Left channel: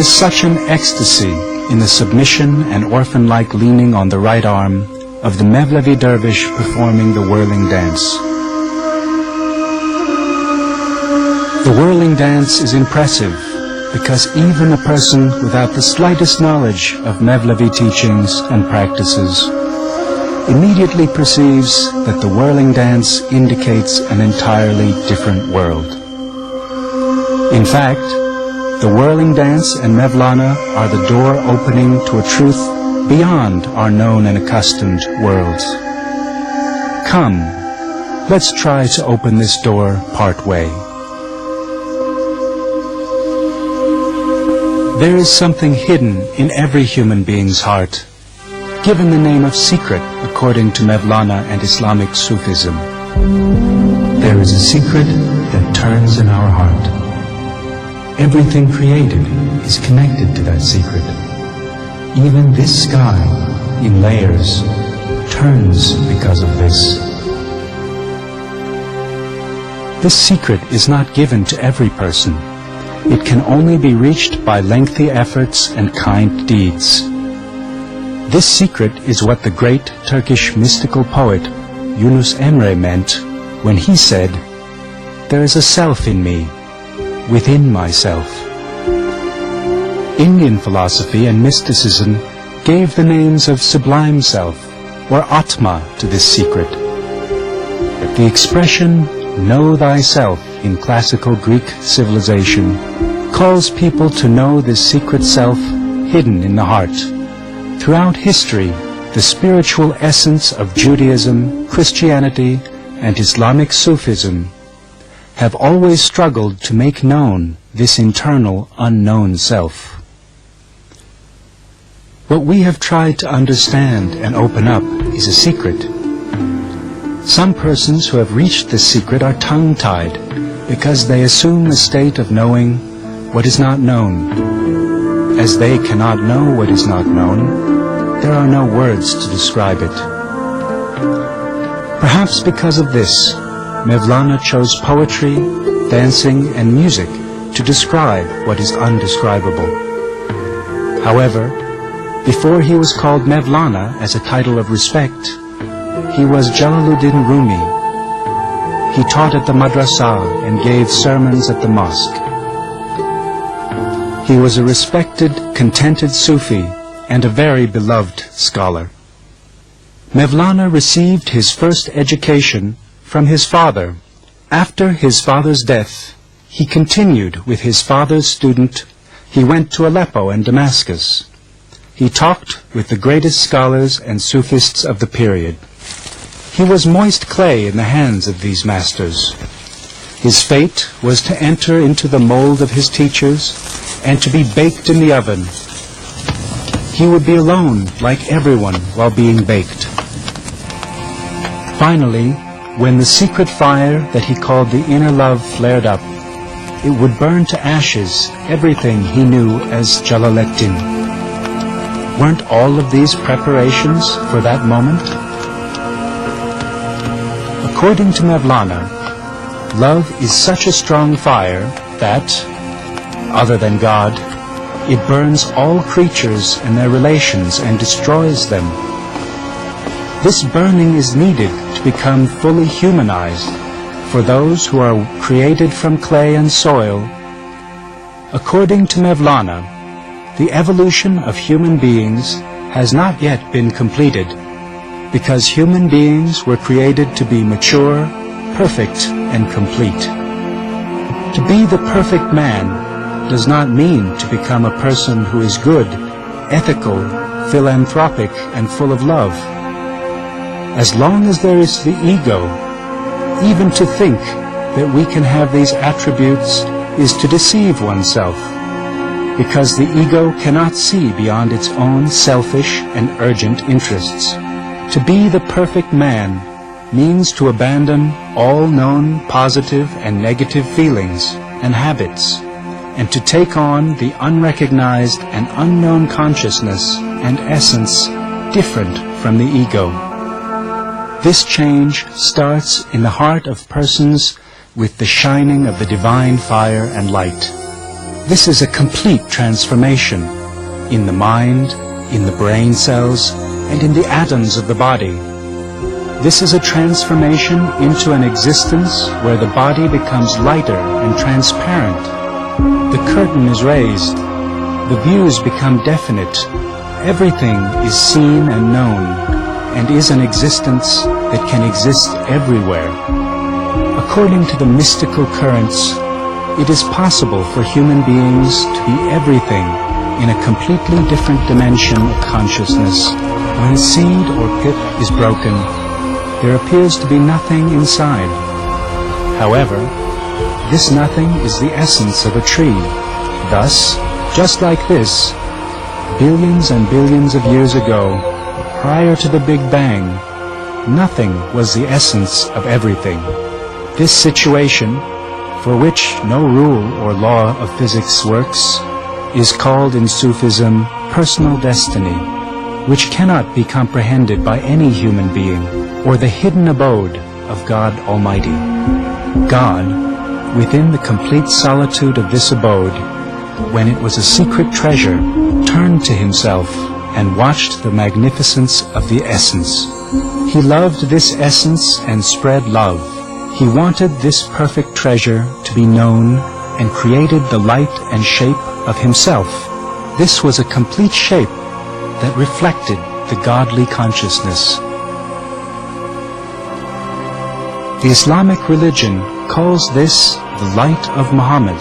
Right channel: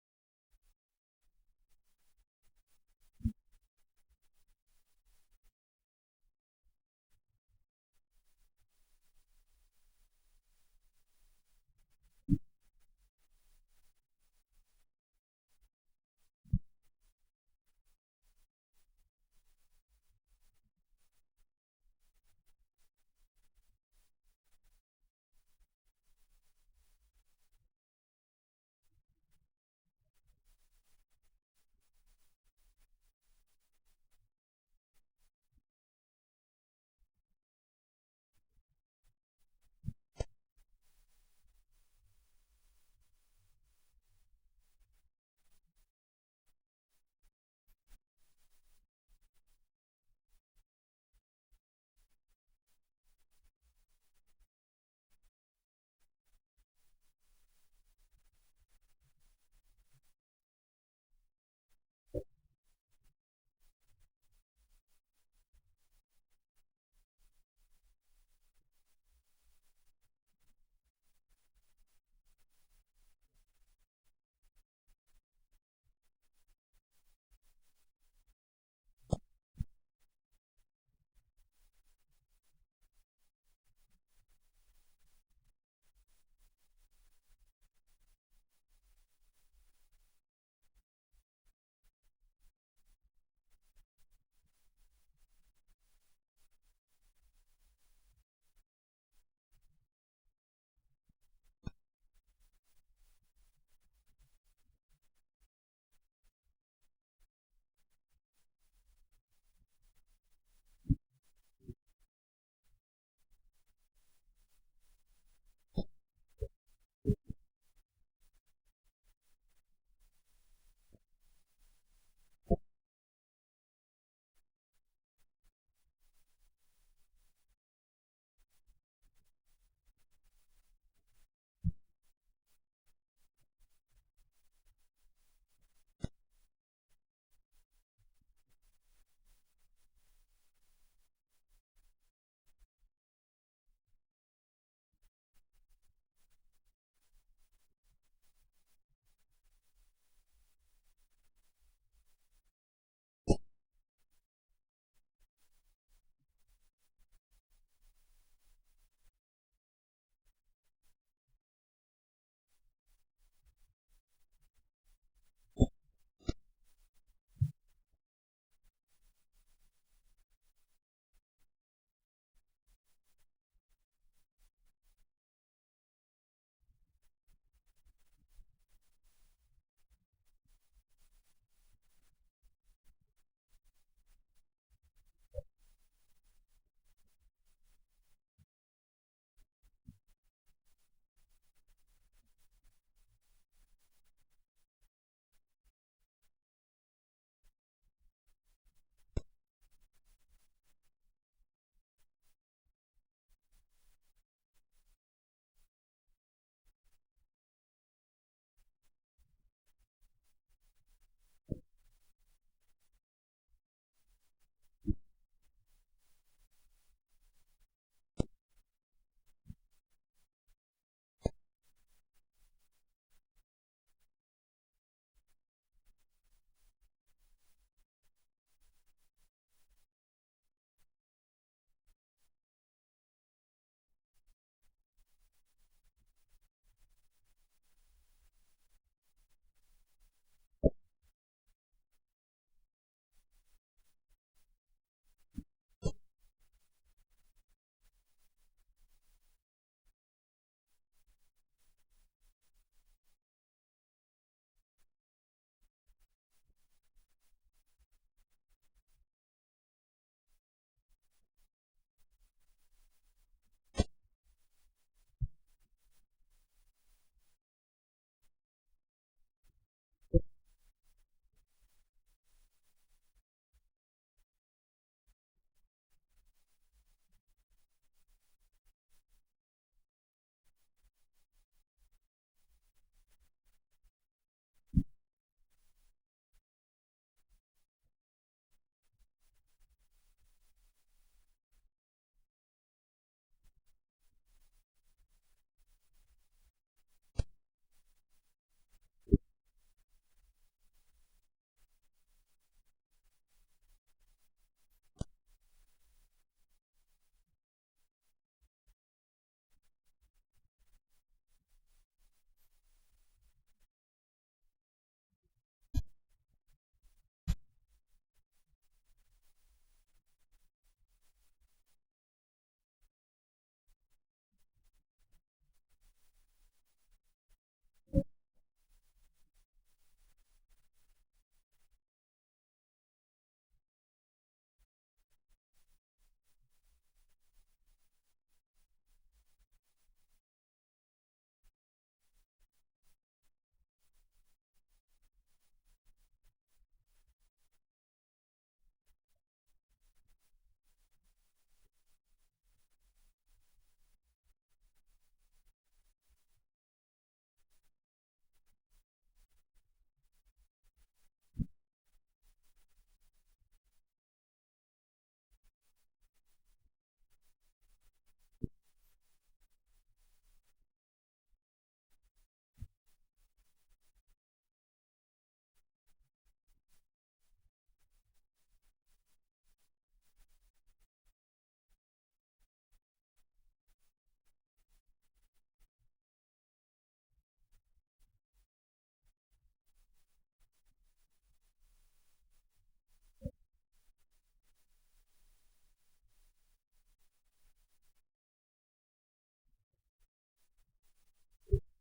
is such an ecstasy in the submission and orphan-like leaning on the right arm of the Mevlevi dervish performing the whirling dance. The whirling dance is impressive because even a person without the slightest knowledge of Mevlevi teachings and practices immediately perceives that the whirling dance indicates an entirely different world. In fact, the whirling dance and Mevlana are the door opening to a truth beyond our known and accustomed worlds. Come, let's try to open this door part way. There is something hidden in every human being's heart, given the name of secret according to Mevlana and Islamic Sufism. There is a secret that turns in our heart. Everything created is connected to that secret. Even this sky, in layers, turns because of this. This secret is not given to every person. It can only be reached by lengthy efforts and kind deeds. This secret is what the great Turkish mystical poet Yunus Emre meant when he said, "There is a self in me, within myself." Indian philosophy and mysticism gave the names of sublime self, or Atma, to this secret. The expression, "know thyself," in classical Greek civilization, calls people to know this secret self hidden in the heart. Throughout history, the spiritual essence of Judaism, Christianity, and Islamic Sufism have always struggled to make known this internal, unknown self. What we have tried to understand and open up is a secret. Some persons who have reached this secret are tongue-tied because they assume the state of knowing what is not known. As they cannot know what is not known, there are no words to describe it. Perhaps because of this, Mevlana chose poetry, dancing, and music to describe what is undescribable. However, before he was called Mevlana as a title of respect, he was Jalaluddin Rumi. He taught at the madrasa and gave sermons at the mosque. He was a respected, contented Sufi and a very beloved scholar. Mevlana received his first education from his father. After his father's death, he continued with his father's student. He went to Aleppo and Damascus. He talked with the greatest scholars and Sufists of the period. He was moist clay in the hands of these masters. His fate was to enter into the mold of his teachers and to be baked in the oven. He would be alone like everyone while being baked. Finally, when the secret fire that he called the inner love flared up, it would burn to ashes everything he knew as Jalaleddin. Weren't all of these preparations for that moment? According to Mevlana, love is such a strong fire that, other than God, it burns all creatures and their relations and destroys them. This burning is needed to become fully humanized for those who are created from clay and soil. According to Mevlana, the evolution of human beings has not yet been completed, because human beings were created to be mature, perfect, and complete. To be the perfect man does not mean to become a person who is good, ethical, philanthropic, and full of love. As long as there is the ego, even to think that we can have these attributes is to deceive oneself, because the ego cannot see beyond its own selfish and urgent interests. To be the perfect man means to abandon all known positive and negative feelings and habits, and to take on the unrecognized and unknown consciousness and essence different from the ego. This change starts in the heart of persons with the shining of the divine fire and light. This is a complete transformation in the mind, in the brain cells, and in the atoms of the body. This is a transformation into an existence where the body becomes lighter and transparent. The curtain is raised. The views become definite. Everything is seen and known, and is an existence that can exist everywhere. According to the mystical currents, it is possible for human beings to be everything in a completely different dimension of consciousness. When a seed or pip is broken, there appears to be nothing inside. However, this nothing is the essence of a tree. Thus, just like this, billions and billions of years ago, prior to the Big Bang, nothing was the essence of everything. This situation, for which no rule or law of physics works, is called in Sufism personal destiny, which cannot be comprehended by any human being, or the hidden abode of God Almighty. God, within the complete solitude of this abode, when it was a secret treasure, turned to himself and watched the magnificence of the essence. He loved this essence and spread love. He wanted this perfect treasure to be known and created the light and shape of himself. This was a complete shape that reflected the godly consciousness. The Islamic religion calls this the light of Muhammad,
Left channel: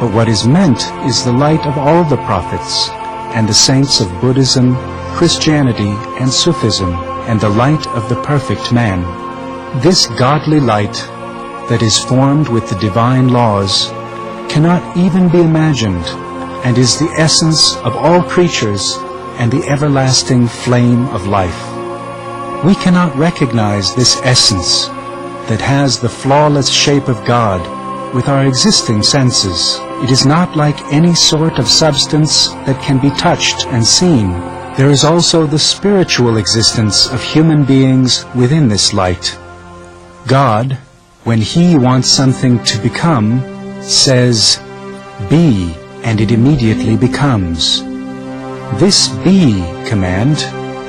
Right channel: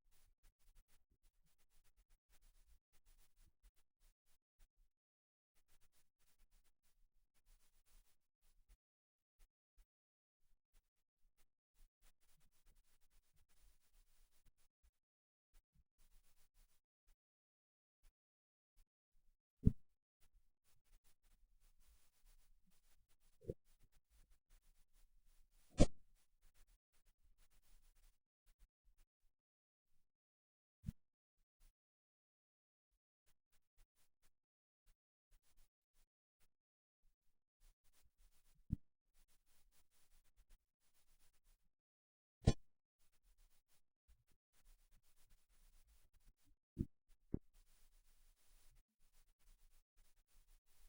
but what is meant is the light of all the prophets and the saints of Buddhism, Christianity, and Sufism, and the light of the perfect man. This godly light that is formed with the divine laws cannot even be imagined, and is the essence of all creatures and the everlasting flame of life. We cannot recognize this essence that has the flawless shape of God with our existing senses. It is not like any sort of substance that can be touched and seen. There is also the spiritual existence of human beings within this light. God, when He wants something to become, says, "Be," and it immediately becomes. This "be" command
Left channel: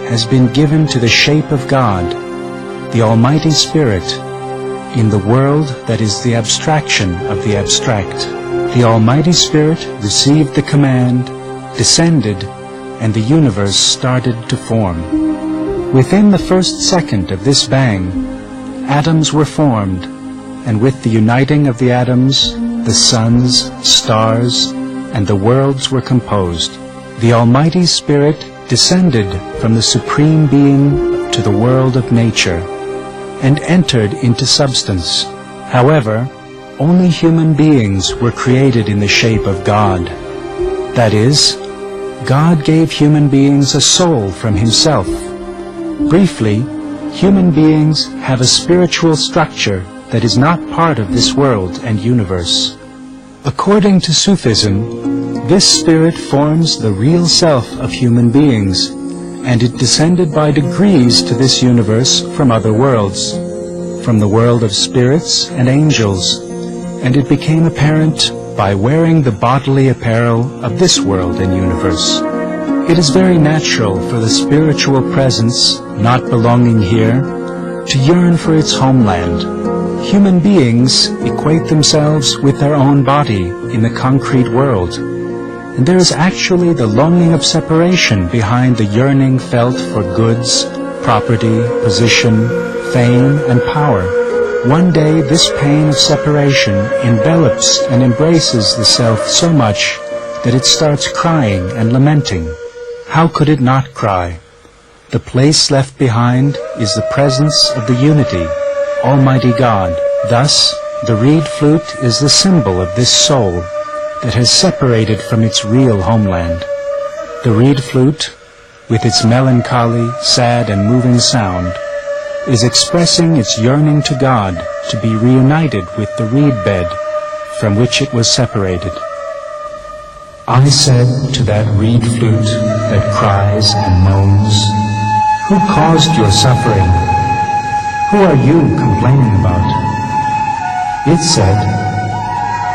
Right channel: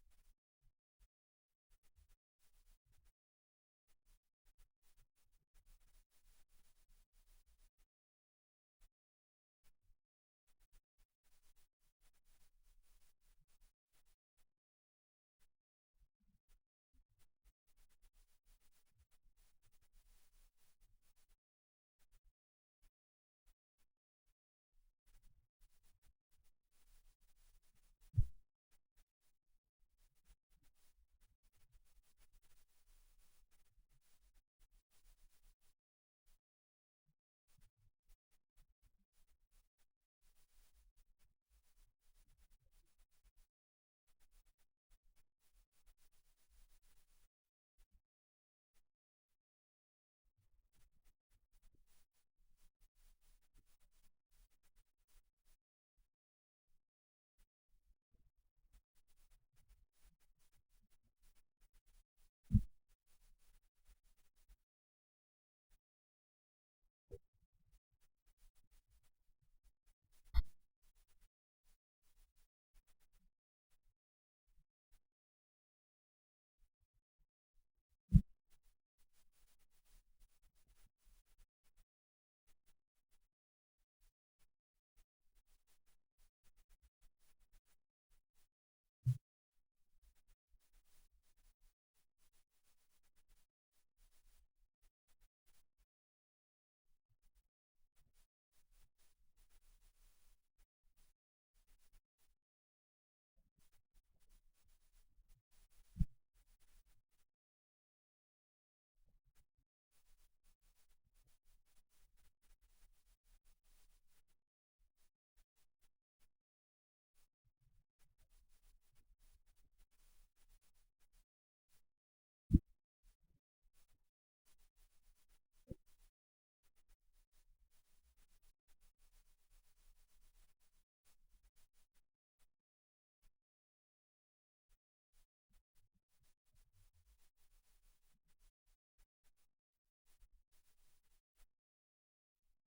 has been given to the shape of God, the Almighty Spirit, in the world that is the abstraction of the abstract. The Almighty Spirit received the command, descended, and the universe started to form. Within the first second of this bang, atoms were formed, and with the uniting of the atoms, the suns, stars, and the worlds were composed. The Almighty Spirit descended from the Supreme Being to the world of nature, and entered into substance. However, only human beings were created in the shape of God. That is, God gave human beings a soul from Himself. Briefly, human beings have a spiritual structure that is not part of this world and universe. According to Sufism, this spirit forms the real self of human beings, and it descended by degrees to this universe from other worlds, from the world of spirits and angels, and it became apparent by wearing the bodily apparel of this world and universe. It is very natural for the spiritual presence, not belonging here, to yearn for its homeland. Human beings equate themselves with their own body in the concrete world, and there is actually the longing of separation behind the yearning felt for goods, property, position, fame, and power. One day this pain of separation envelops and embraces the self so much that it starts crying and lamenting. How could it not cry? The place left behind is the presence of the unity, Almighty God. Thus, the reed flute is the symbol of this soul that has separated from its real homeland. The reed flute, with its melancholy, sad, and moving sound, is expressing its yearning to God to be reunited with the reed bed from which it was separated. I said to that reed flute that cries and moans, "Who caused your suffering? Who are you complaining about?" It said,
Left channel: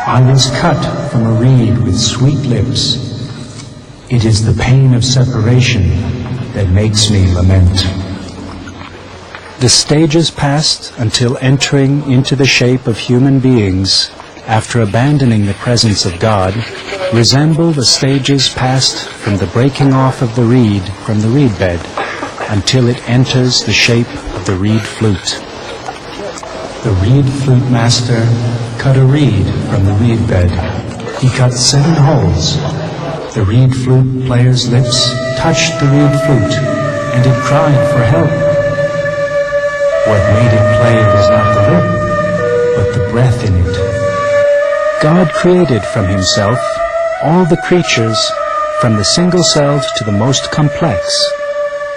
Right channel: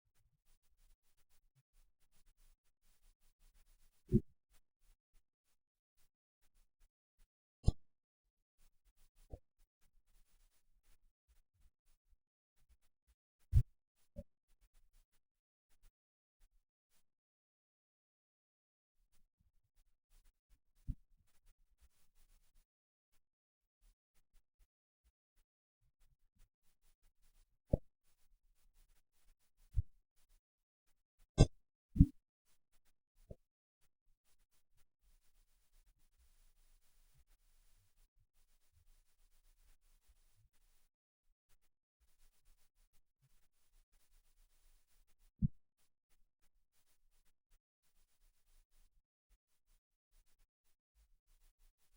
"I was cut from from a reed with sweet lips. It is the pain of separation that makes me lament. The stages passed until entering into the shape of human beings, after abandoning the presence of God, resemble the stages passed from the breaking off of the reed from the reed bed, until it enters the shape of the reed flute. The reed flute master cut a reed from the reed bed. He cut 7 holes. The reed flute player's lips touched the reed flute, and it cried for help. What made it play was not the lip, but the breath in it. God created from himself all the creatures, from the single-celled to the most complex,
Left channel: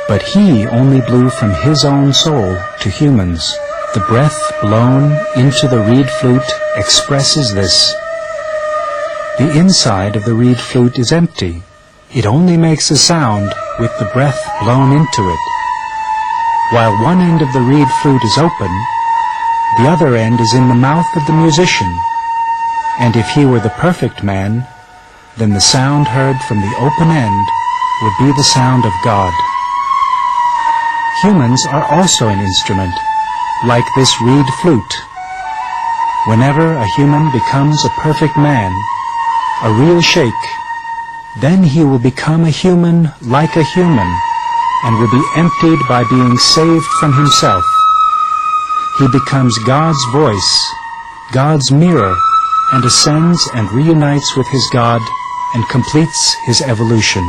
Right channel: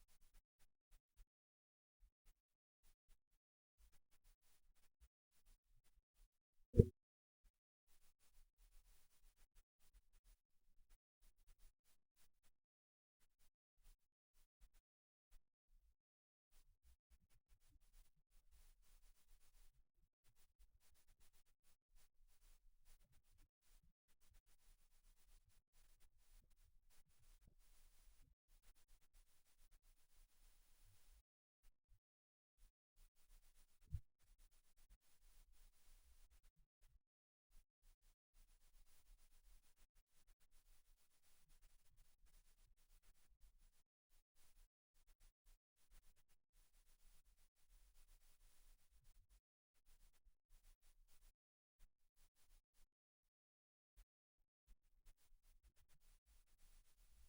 but he only blew from his own soul to humans. The breath blown into the reed flute expresses this. The inside of the reed flute is empty. It only makes a sound with the breath blown into it. While one end of the reed flute is open, the other end is in the mouth of the musician. And if he were the perfect man, then the sound heard from the open end would be the sound of God. Humans are also an instrument, like this reed flute. Whenever a human becomes a perfect man, a real sheikh, then he will become a human like a human, and will be emptied by being saved from himself. He becomes God's voice, God's mirror, and ascends and reunites with his God and completes his evolution.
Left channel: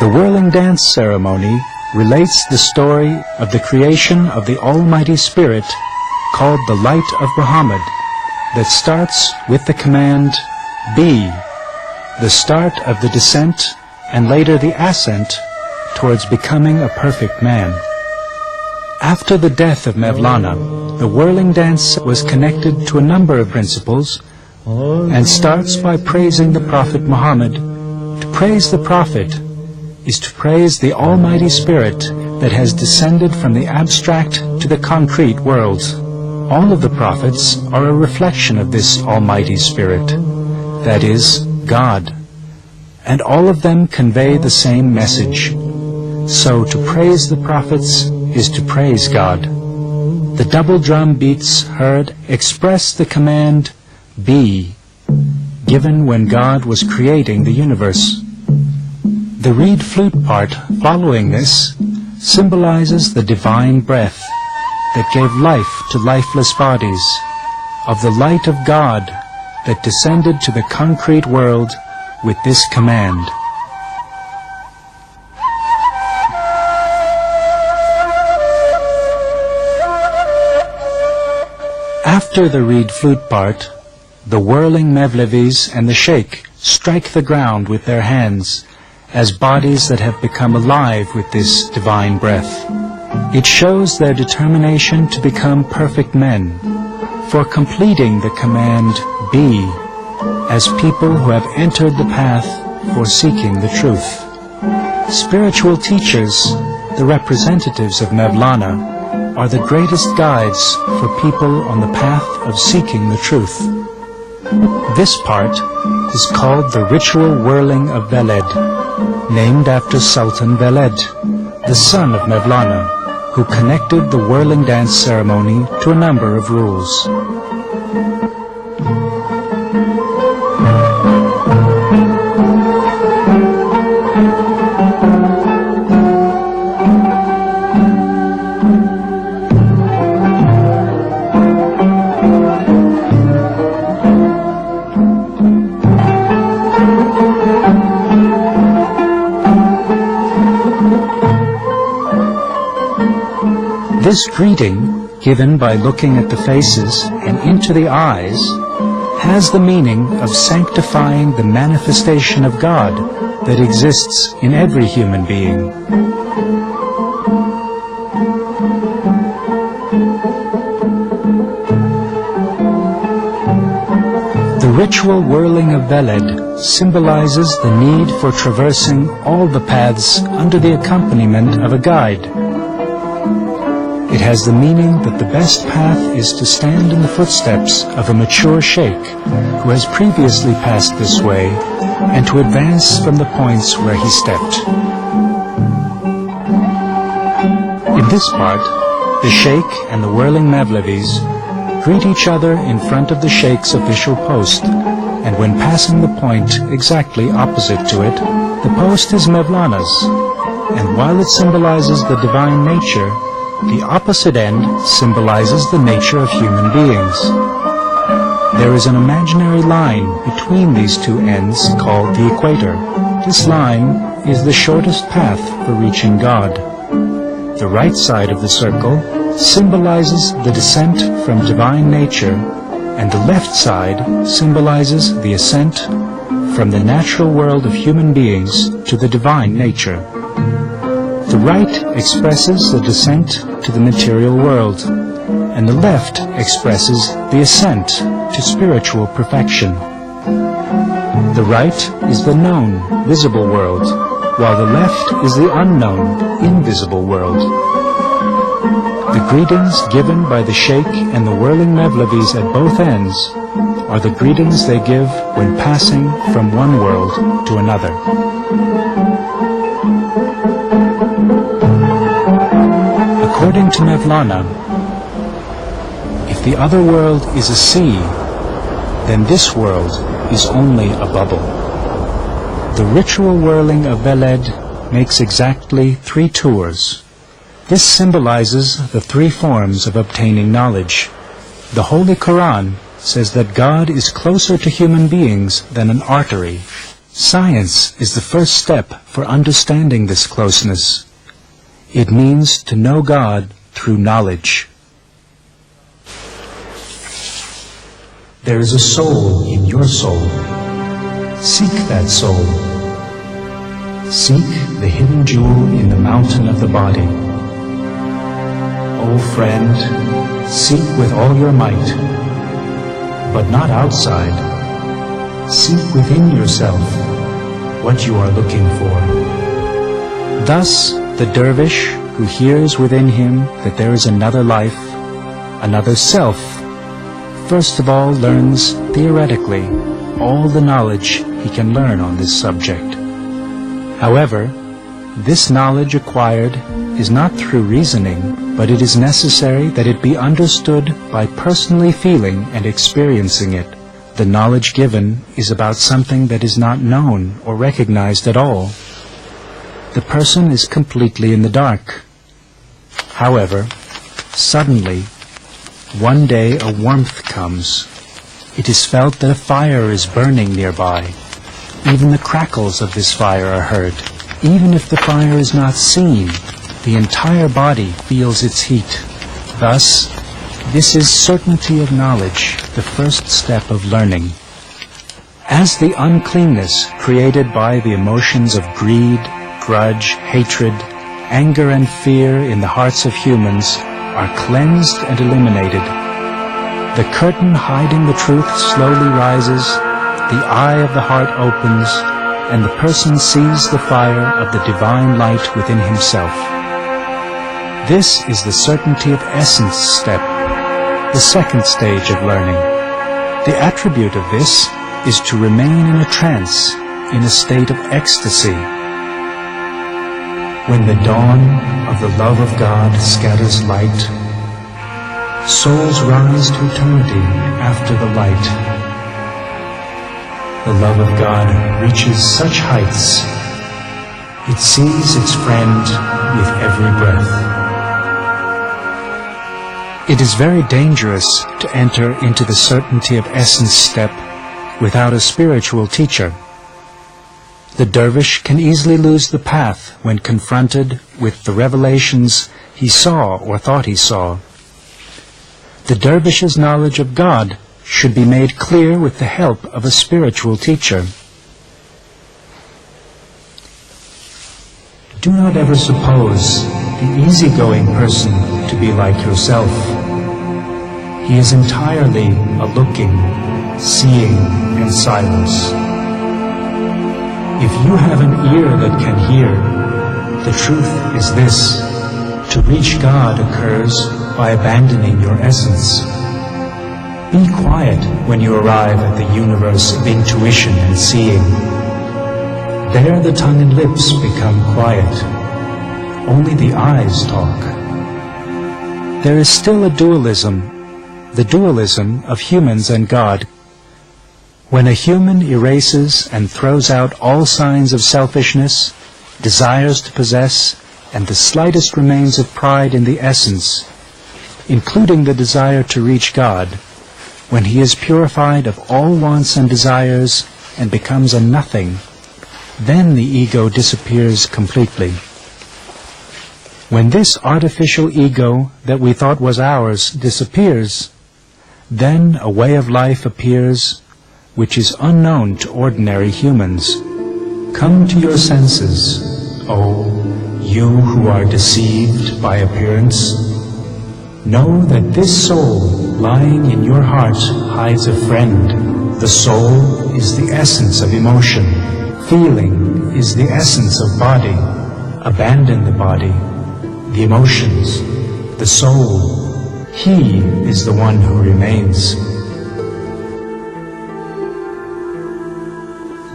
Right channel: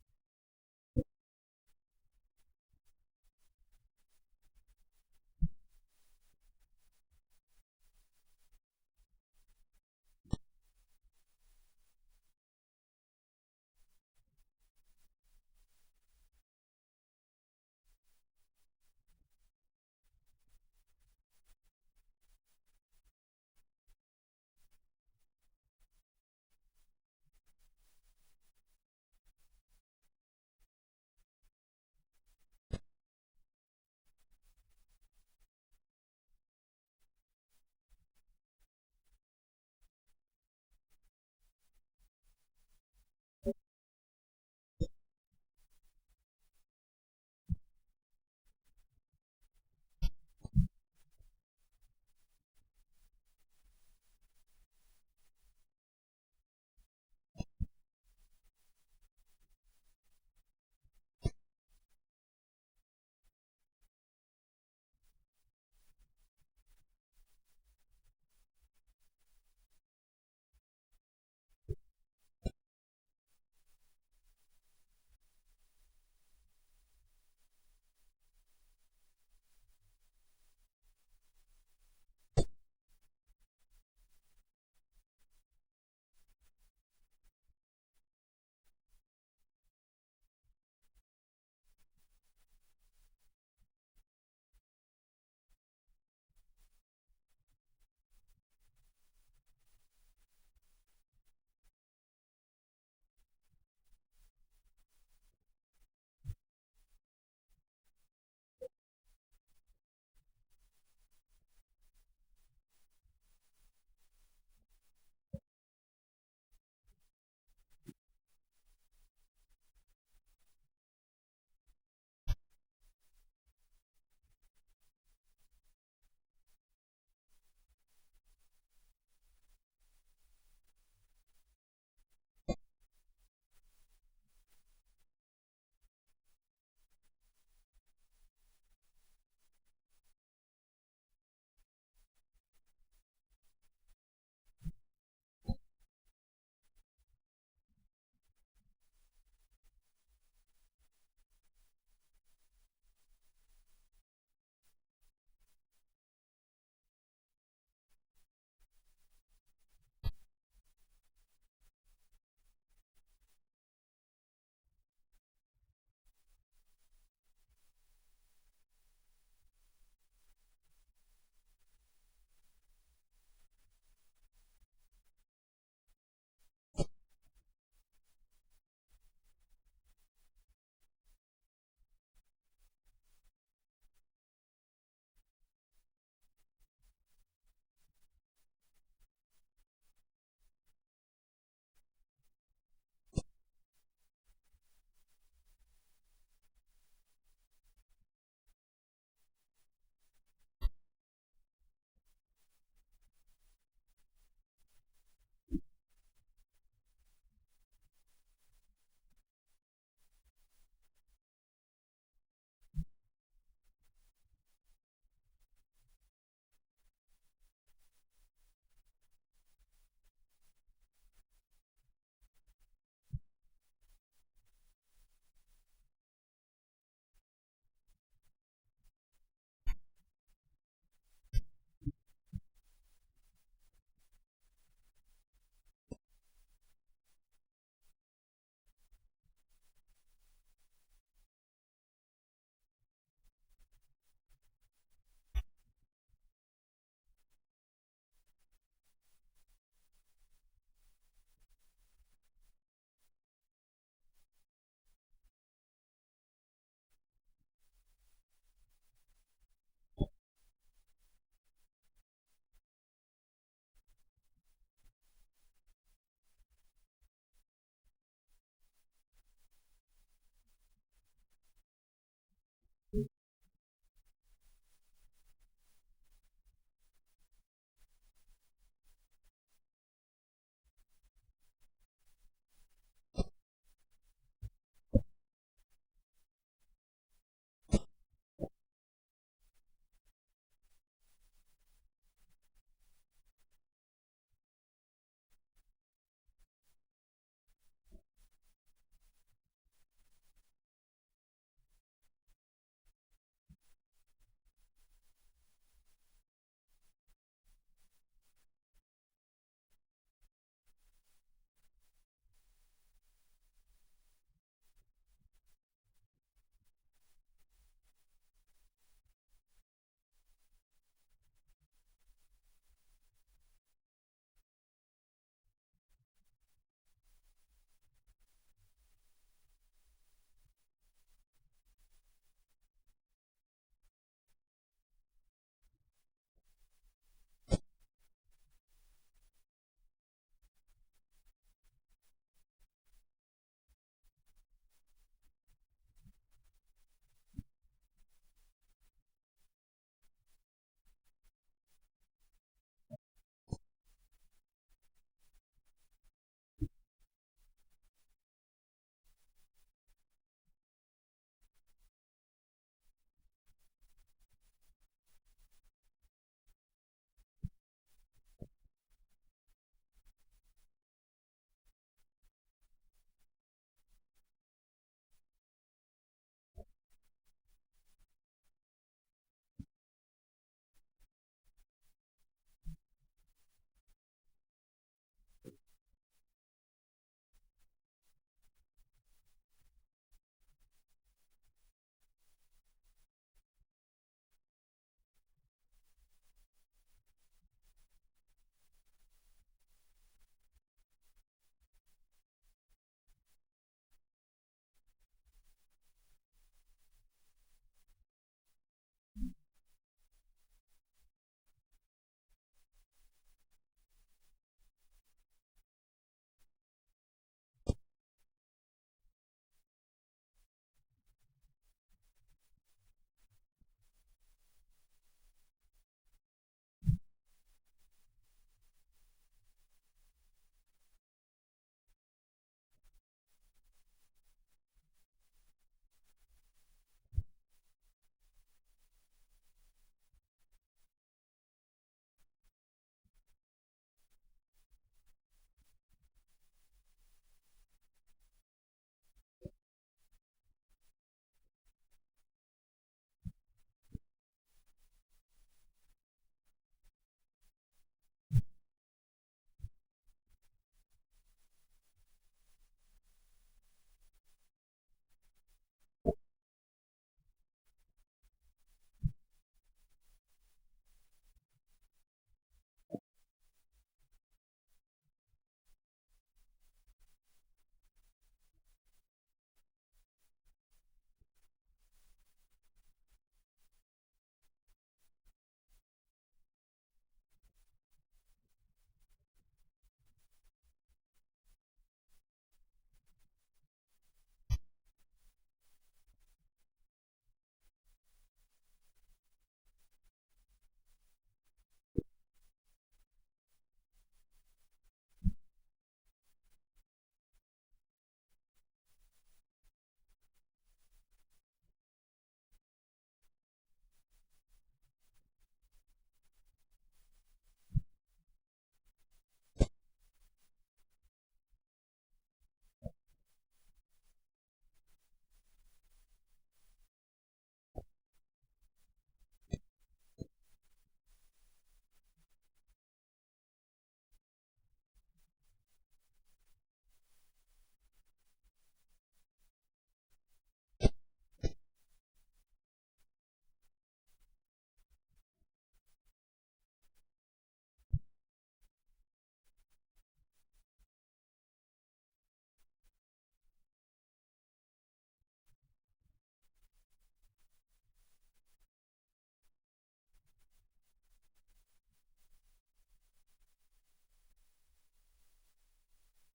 The whirling dance ceremony relates the story of the creation of the Almighty Spirit, called the Light of Muhammad, that starts with the command, be, the start of the descent and later the ascent towards becoming a perfect man. After the death of Mevlana, the whirling dance was connected to a number of principles and starts by praising the Prophet Muhammad. To praise the Prophet is to praise the Almighty Spirit that has descended from the abstract to the concrete worlds. All of the prophets are a reflection of this Almighty Spirit, that is, God, and all of them convey the same message. So to praise the prophets is to praise God. The double drum beats heard express the command, be, given when God was creating the universe. The reed flute part following this symbolizes the divine breath that gave life to lifeless bodies, of the light of God that descended to the concrete world with this command. After the reed flute part, the whirling Mevlevis and the sheikh strike the ground with their hands as bodies that have become alive with this divine breath. It shows their determination to become perfect men, for completing the command, be, as people who have entered the path for seeking the truth. Spiritual teachers, the representatives of Mevlana, are the greatest guides for people on the path of seeking the truth. This part is called the ritual whirling of Veled, named after Sultan Veled, the son of Mevlana, who connected the whirling dance ceremony to a number of rules. This greeting, given by looking at the faces and into the eyes, has the meaning of sanctifying the manifestation of God that exists in every human being. The ritual whirling of Veled symbolizes the need for traversing all the paths under the accompaniment of a guide. It has the meaning that the best path is to stand in the footsteps of a mature sheikh who has previously passed this way, and to advance from the points where he stepped. In this part, the sheikh and the whirling Mevlevis greet each other in front of the sheikh's official post, and when passing the point exactly opposite to it, the post is Mevlana's, and while it symbolizes the divine nature, the opposite end symbolizes the nature of human beings. There is an imaginary line between these two ends called the equator. This line is the shortest path for reaching God. The right side of the circle symbolizes the descent from divine nature, and the left side symbolizes the ascent from the natural world of human beings to the divine nature. The right expresses the descent to the material world, and the left expresses the ascent to spiritual perfection. The right is the known, visible world, while the left is the unknown, invisible world. The greetings given by the sheikh and the whirling Mevlevis at both ends are the greetings they give when passing from one world to another. According to Mevlana, if the other world is a sea, then this world is only a bubble. The ritual whirling of Veled makes exactly 3 tours. This symbolizes the 3 forms of obtaining knowledge. The Holy Quran says that God is closer to human beings than an artery. Science is the first step for understanding this closeness. It means to know God through knowledge. There is a soul in your soul. Seek that soul. Seek the hidden jewel in the mountain of the body. O friend, seek with all your might, but not outside. Seek within yourself what you are looking for. Thus, the dervish who hears within him that there is another life, another self, first of all learns theoretically all the knowledge he can learn on this subject. However, this knowledge acquired is not through reasoning, but it is necessary that it be understood by personally feeling and experiencing it. The knowledge given is about something that is not known or recognized at all. The person is completely in the dark. However, suddenly, one day a warmth comes. It is felt that a fire is burning nearby. Even the crackles of this fire are heard. Even if the fire is not seen, the entire body feels its heat. Thus, this is certainty of knowledge, the first step of learning. As the uncleanness created by the emotions of greed, grudge, hatred, anger, and fear in the hearts of humans are cleansed and eliminated, the curtain hiding the truth slowly rises, the eye of the heart opens, and the person sees the fire of the divine light within himself. This is the certainty of essence step, the second stage of learning. The attribute of this is to remain in a trance, in a state of ecstasy. When the dawn of the love of God scatters light, souls rise to eternity after the light. The love of God reaches such heights, it sees its friend with every breath. It is very dangerous to enter into the certainty of essence step without a spiritual teacher. The dervish can easily lose the path when confronted with the revelations he saw or thought he saw. The dervish's knowledge of God should be made clear with the help of a spiritual teacher. Do not ever suppose the easygoing person to be like yourself. He is entirely a looking, seeing, and silence. If you have an ear that can hear, the truth is this: To reach God occurs by abandoning your essence. Be quiet when you arrive at the universe of intuition and seeing. There the tongue and lips become quiet. Only the eyes talk. There is still a dualism, the dualism of humans and God. When a human erases and throws out all signs of selfishness, desires to possess, and the slightest remains of pride in the essence, including the desire to reach God, when he is purified of all wants and desires and becomes a nothing, then the ego disappears completely. When this artificial ego that we thought was ours disappears, then a way of life appears which is unknown to ordinary humans. Come to your senses, O you who are deceived by appearance. Know that this soul lying in your heart hides a friend. The soul is the essence of emotion. Feeling is the essence of body. Abandon the body, the emotions, the soul. He is the one who remains.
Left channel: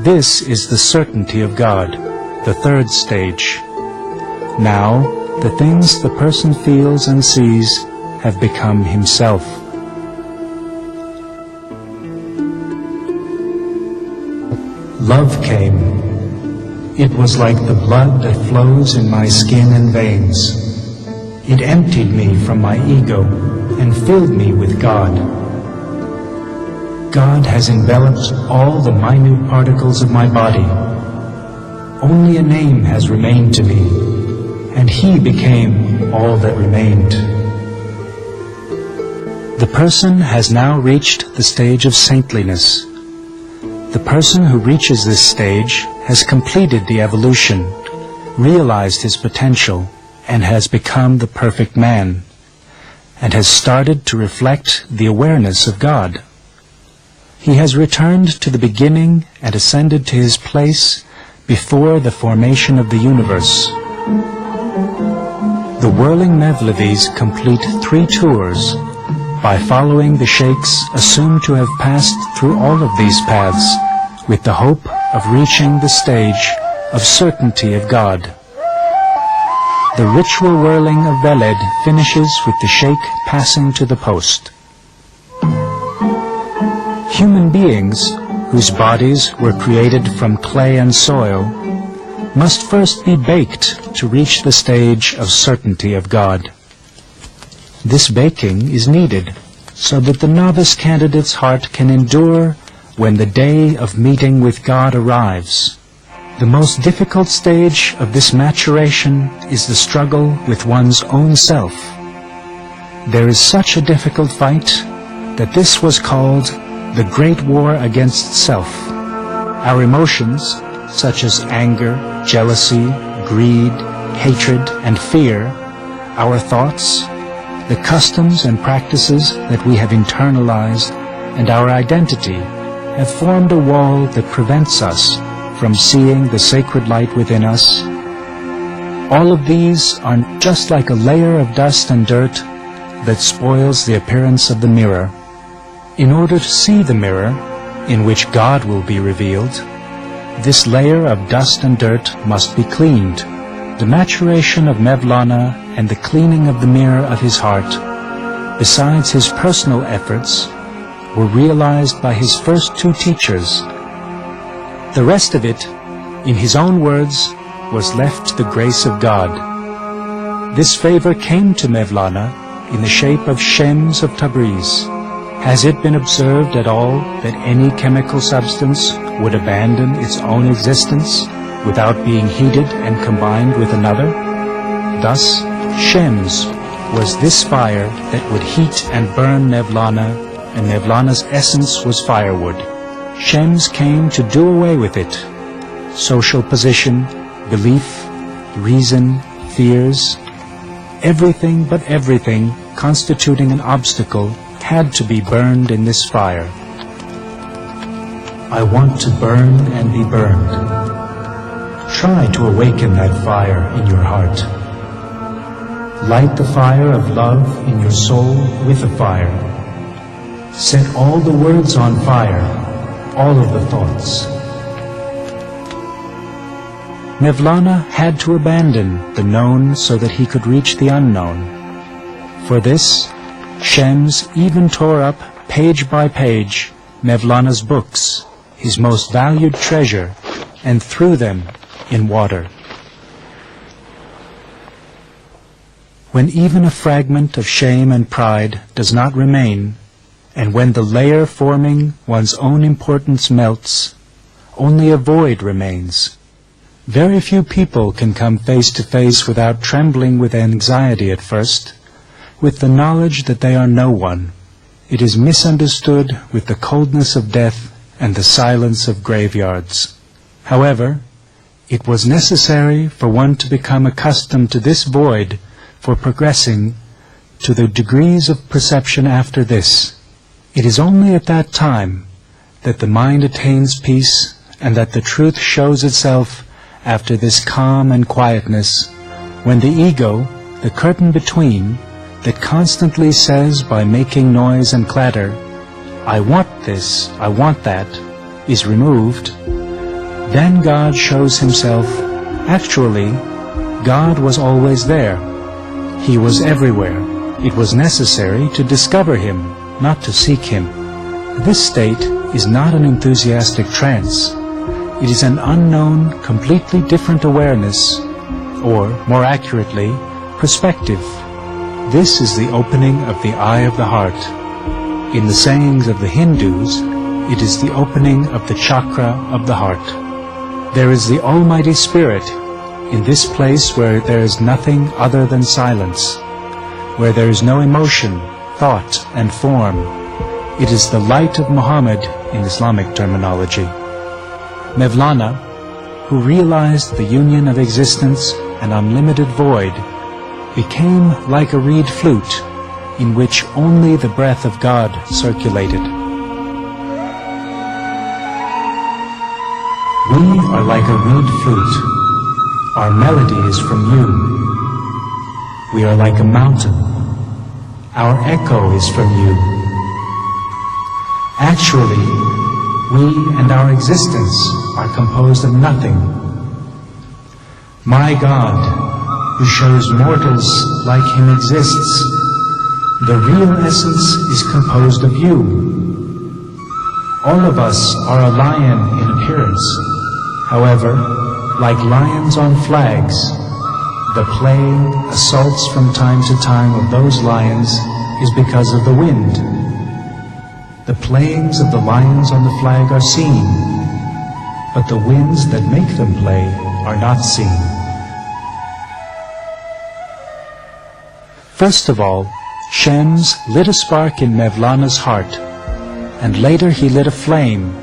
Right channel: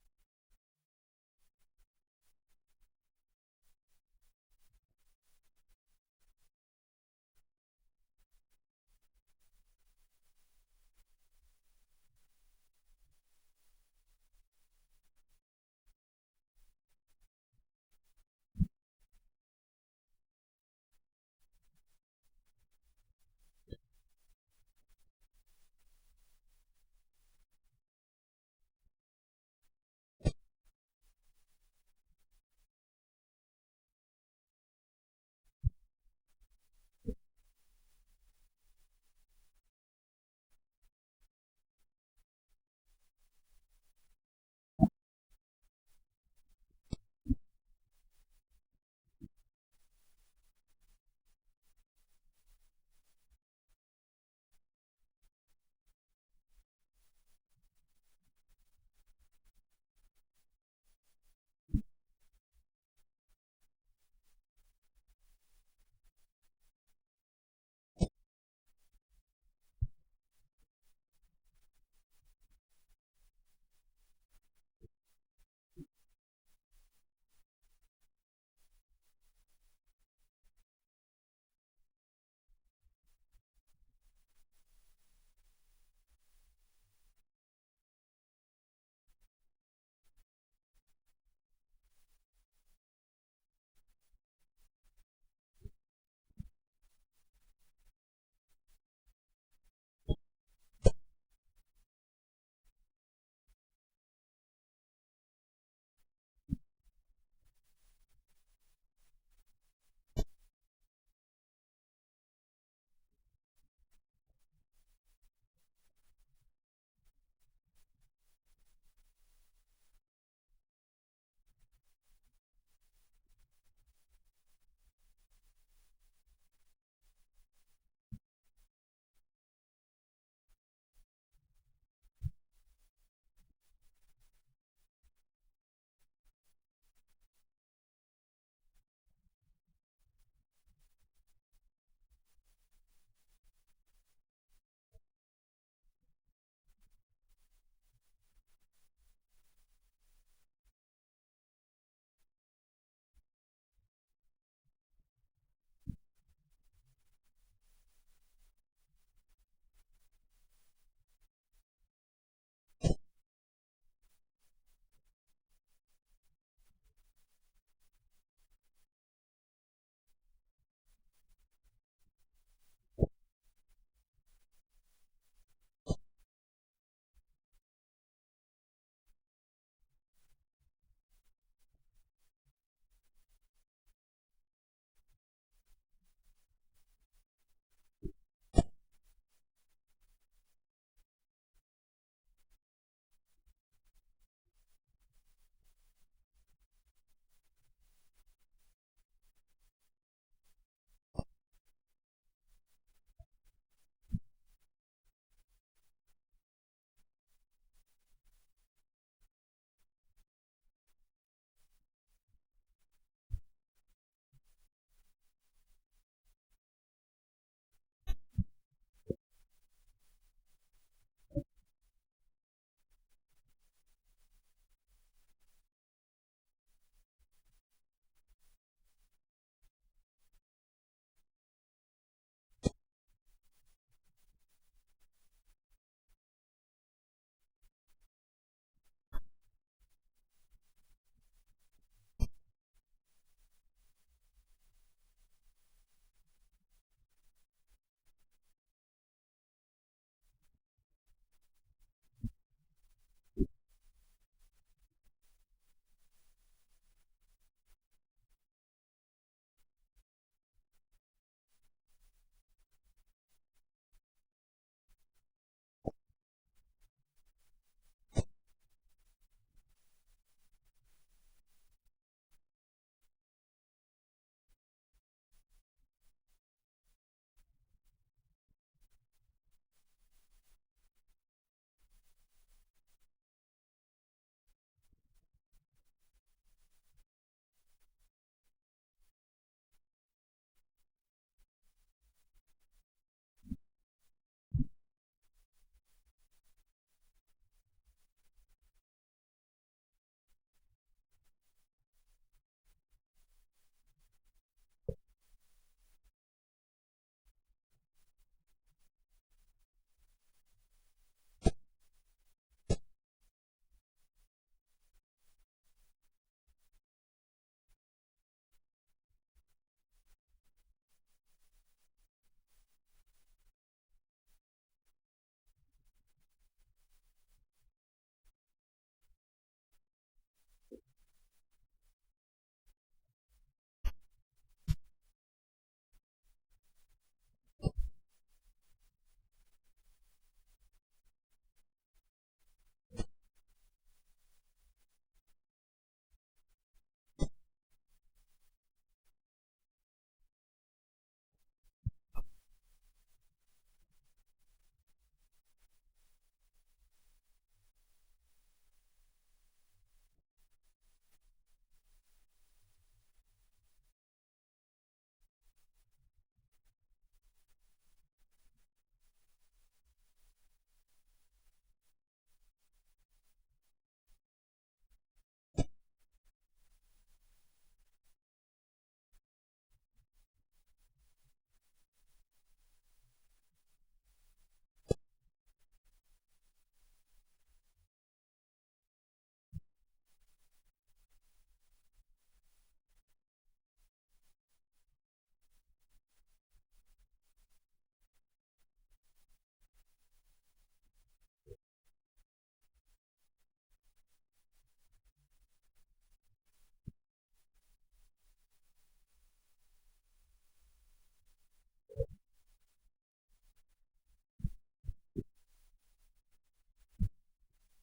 This is the certainty of God, the third stage. Now, the things the person feels and sees have become himself. Love came. It was like the blood that flows in my skin and veins. It emptied me from my ego and filled me with God. God has enveloped all the minute particles of my body. Only a name has remained to me, and He became all that remained. The person has now reached the stage of saintliness. The person who reaches this stage has completed the evolution, realized his potential, and has become the perfect man, and has started to reflect the awareness of God. He has returned to the beginning and ascended to his place before the formation of the universe. The whirling Mevlevis complete 3 tours by following the sheikhs assumed to have passed through all of these paths with the hope of reaching the stage of certainty of God. The ritual whirling of Veled finishes with the sheikh passing to the post. Human beings, whose bodies were created from clay and soil, must first be baked to reach the stage of certainty of God. This baking is needed so that the novice candidate's heart can endure when the day of meeting with God arrives. The most difficult stage of this maturation is the struggle with one's own self. There is such a difficult fight that this was called the Great War Against Self. Our emotions, such as anger, jealousy, greed, hatred, and fear, our thoughts, the customs and practices that we have internalized, and our identity have formed a wall that prevents us from seeing the sacred light within us. All of these are just like a layer of dust and dirt that spoils the appearance of the mirror. In order to see the mirror, in which God will be revealed, this layer of dust and dirt must be cleaned. The maturation of Mevlana and the cleaning of the mirror of his heart, besides his personal efforts, were realized by his first 2 teachers. The rest of it, in his own words, was left to the grace of God. This favor came to Mevlana in the shape of Shems of Tabriz. Has it been observed at all that any chemical substance would abandon its own existence without being heated and combined with another? Thus, Shems was this fire that would heat and burn Mevlana, and Mevlana's essence was firewood. Shems came to do away with it. Social position, belief, reason, fears, everything but everything constituting an obstacle had to be burned in this fire. I want to burn and be burned. Try to awaken that fire in your heart. Light the fire of love in your soul with a fire. Set all the words on fire, all of the thoughts. Mevlana had to abandon the known so that he could reach the unknown. For this, Shams even tore up, page by page, Mevlana's books, his most valued treasure, and threw them in water. When even a fragment of shame and pride does not remain, and when the layer forming one's own importance melts, only a void remains. Very few people can come face to face without trembling with anxiety at first, with the knowledge that they are no one. It is misunderstood with the coldness of death and the silence of graveyards. However, it was necessary for one to become accustomed to this void for progressing to the degrees of perception after this. It is only at that time that the mind attains peace and that the truth shows itself after this calm and quietness, when the ego, the curtain between, that constantly says by making noise and clatter, "I want this, I want that," is removed, then God shows himself. Actually, God was always there. He was everywhere. It was necessary to discover him, not to seek him. This state is not an enthusiastic trance. It is an unknown, completely different awareness, or, more accurately, perspective. This is the opening of the eye of the heart. In the sayings of the Hindus, it is the opening of the chakra of the heart. There is the Almighty Spirit in this place where there is nothing other than silence, where there is no emotion, thought, and form. It is the light of Muhammad in Islamic terminology. Mevlana, who realized the union of existence and unlimited void, became like a reed flute in which only the breath of God circulated. We are like a reed flute. Our melody is from you. We are like a mountain. Our echo is from you. Actually, we and our existence are composed of nothing. My God, who shows mortals like him exists, the real essence is composed of you. All of us are a lion in appearance. However, like lions on flags, the playing, assaults from time to time of those lions is because of the wind. The playings of the lions on the flag are seen, but the winds that make them play are not seen. First of all, Shams lit a spark in Mevlana's heart, and later he lit a flame,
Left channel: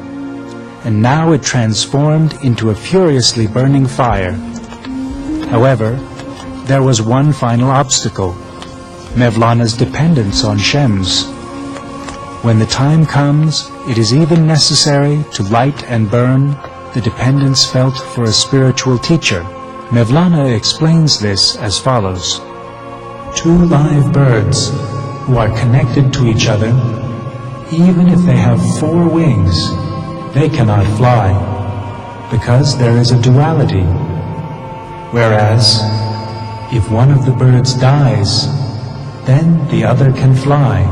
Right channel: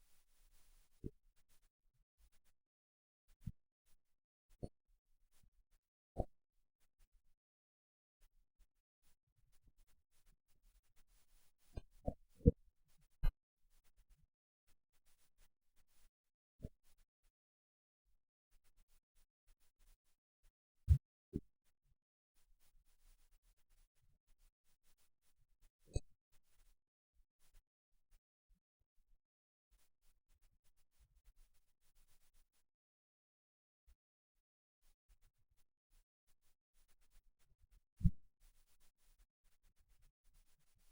and now it transformed into a furiously burning fire. However, there was one final obstacle: Mevlana's dependence on Shams. When the time comes, it is even necessary to light and burn the dependence felt for a spiritual teacher. Mevlana explains this as follows. Two live birds who are connected to each other, even if they have 4 wings, they cannot fly, because there is a duality. Whereas, if one of the birds dies, then the other can fly,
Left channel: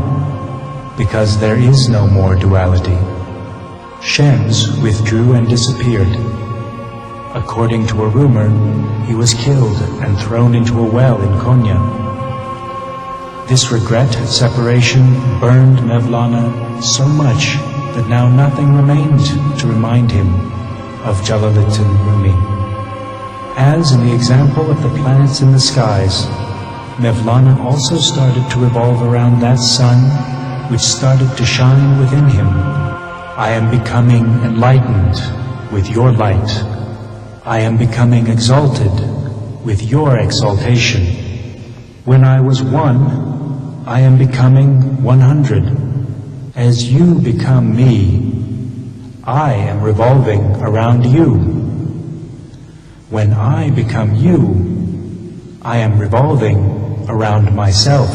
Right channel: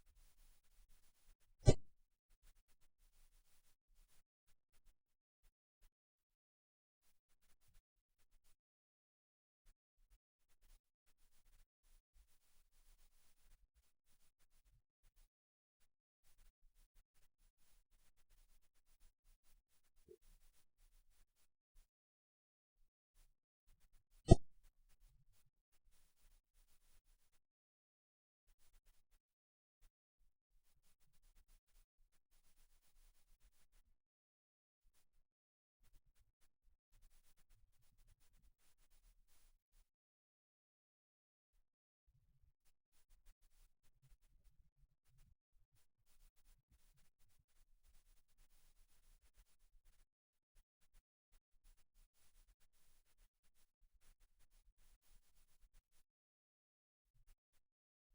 because there is no more duality. Shams withdrew and disappeared. According to a rumor, he was killed and thrown into a well in Konya. This regret at separation burned Mevlana so much that now nothing remained to remind him of Jalaluddin Rumi. As in the example of the planets in the skies, Mevlana also started to revolve around that sun which started to shine within him. I am becoming enlightened with your light. I am becoming exalted with your exaltation. When I was 1, I am becoming 100. As you become me, I am revolving around you. When I become you, I am revolving around myself.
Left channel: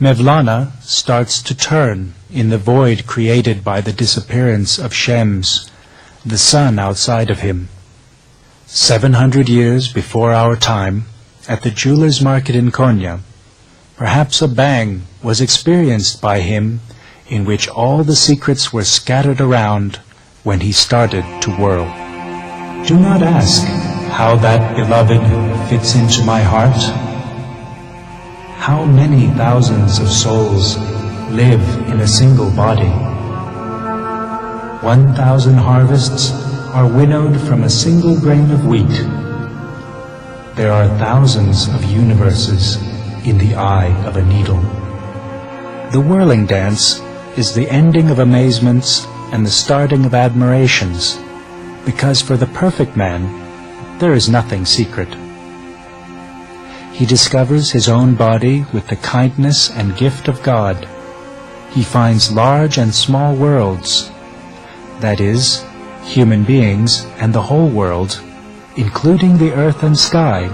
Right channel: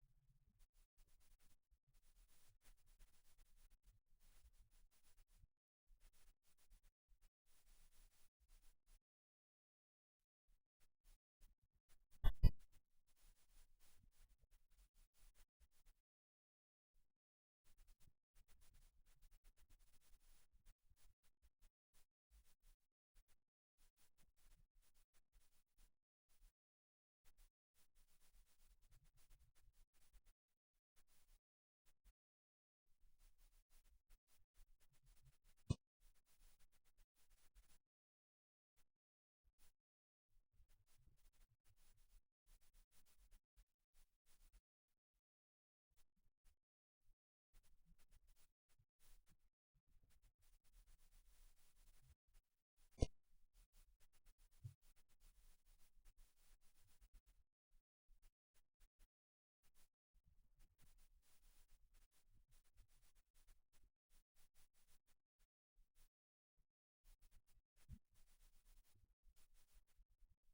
Mevlana starts to turn in the void created by the disappearance of Shams, the sun outside of him. 700 years before our time, at the jeweler's market in Konya, perhaps a bang was experienced by him in which all the secrets were scattered around when he started to whirl. Do not ask how that beloved fits into my heart. How many thousands of souls live in a single body? 1,000 harvests are winnowed from a single grain of wheat. There are thousands of universes in the eye of a needle. The whirling dance is the ending of amazements and the starting of admirations, because for the perfect man, there is nothing secret. He discovers his own body with the kindness and gift of God. He finds large and small worlds, that is, human beings and the whole world, including the earth and sky,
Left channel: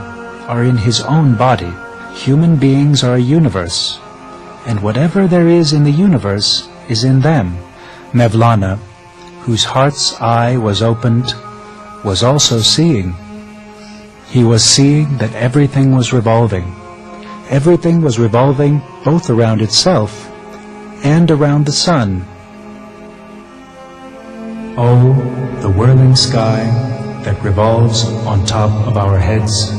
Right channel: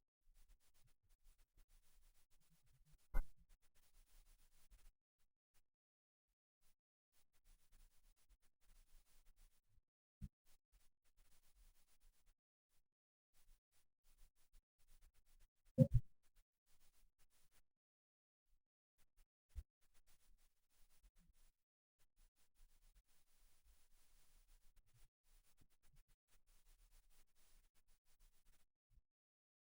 are in his own body. Human beings are a universe, and whatever there is in the universe is in them. Mevlana, whose heart's eye was opened, was also seeing. He was seeing that everything was revolving. Everything was revolving both around itself and around the sun. Oh, the whirling sky that revolves on top of our heads.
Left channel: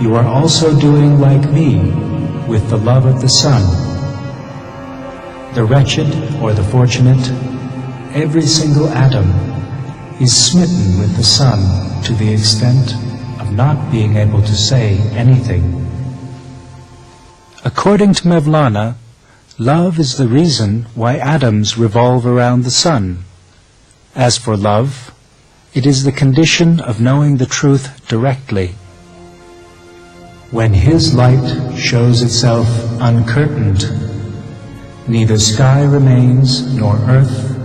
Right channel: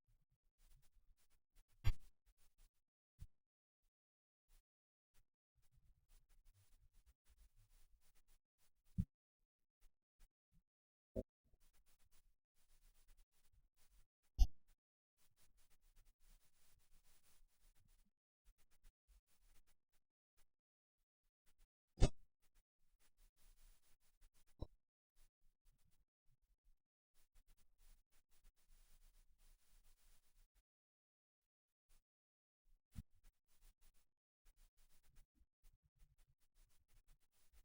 You are also doing like me with the love of the sun. The wretched or the fortunate, every single atom is smitten with the sun to the extent of not being able to say anything. According to Mevlana, love is the reason why atoms revolve around the sun. As for love, it is the condition of knowing the truth directly. When his light shows itself uncurtained, neither sky remains nor earth,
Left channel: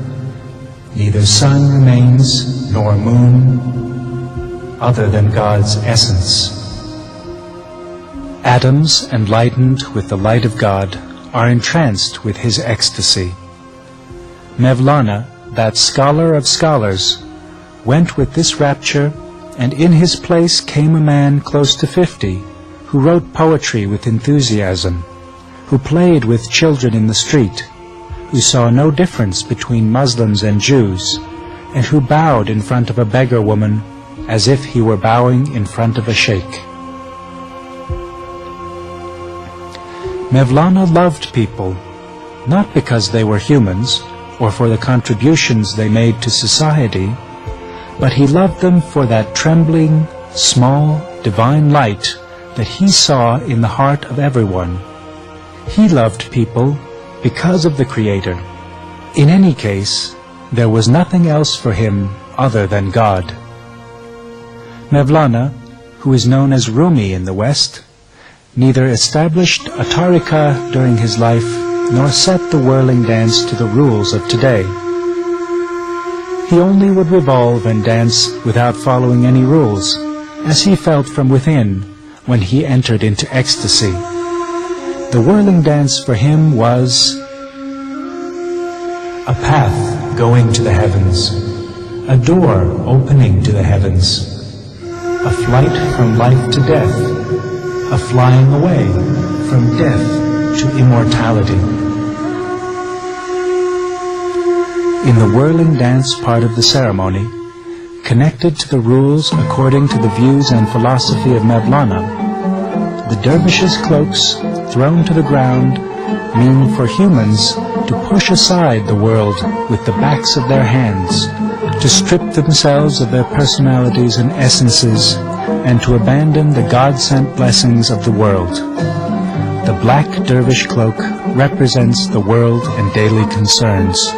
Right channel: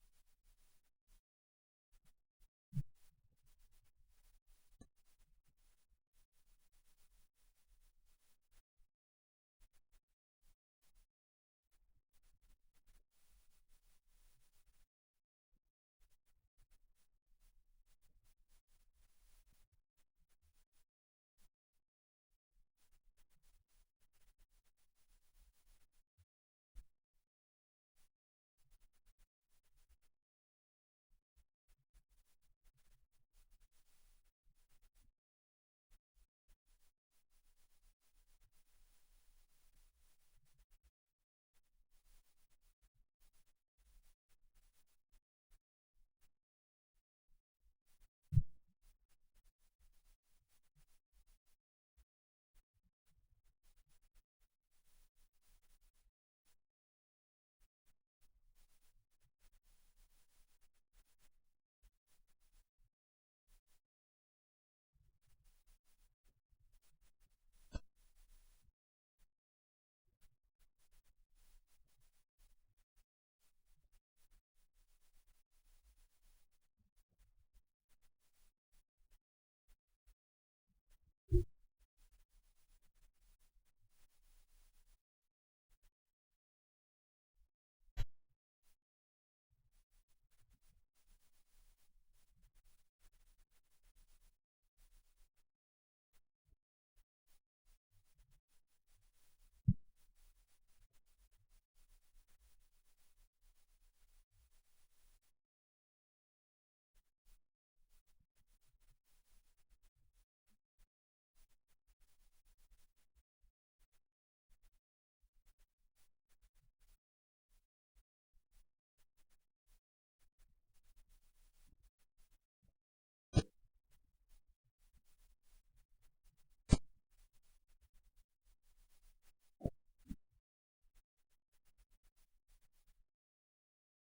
neither sun remains nor moon, other than God's essence. Atoms enlightened with the light of God are entranced with his ecstasy. Mevlana, that scholar of scholars, went with this rapture, and in his place came a man close to 50, who wrote poetry with enthusiasm, who played with children in the street, who saw no difference between Muslims and Jews, and who bowed in front of a beggar woman as if he were bowing in front of a sheikh. Mevlana loved people, not because they were humans or for the contributions they made to society, but he loved them for that trembling, small, divine light that he saw in the heart of everyone. He loved people because of the Creator. In any case, there was nothing else for him other than God. Mevlana, who is known as Rumi in the West, neither established a tariqah during his life nor set the whirling dance to the rules of today. He only would revolve and dance without following any rules, as he felt from within when he entered into ecstasy. The whirling dance for him was a path going to the heavens, a door opening to the heavens, a flight from life to death, a flying away from death to immortality. In the whirling dance part of the ceremony, connected to the rules according to the views and philosophy of Mevlana, the dervishes' cloaks thrown to the ground mean for humans to push aside the world with the backs of their hands, to strip themselves of their personalities and essences, and to abandon the God-sent blessings of the world. The black dervish cloak represents the world and daily concerns.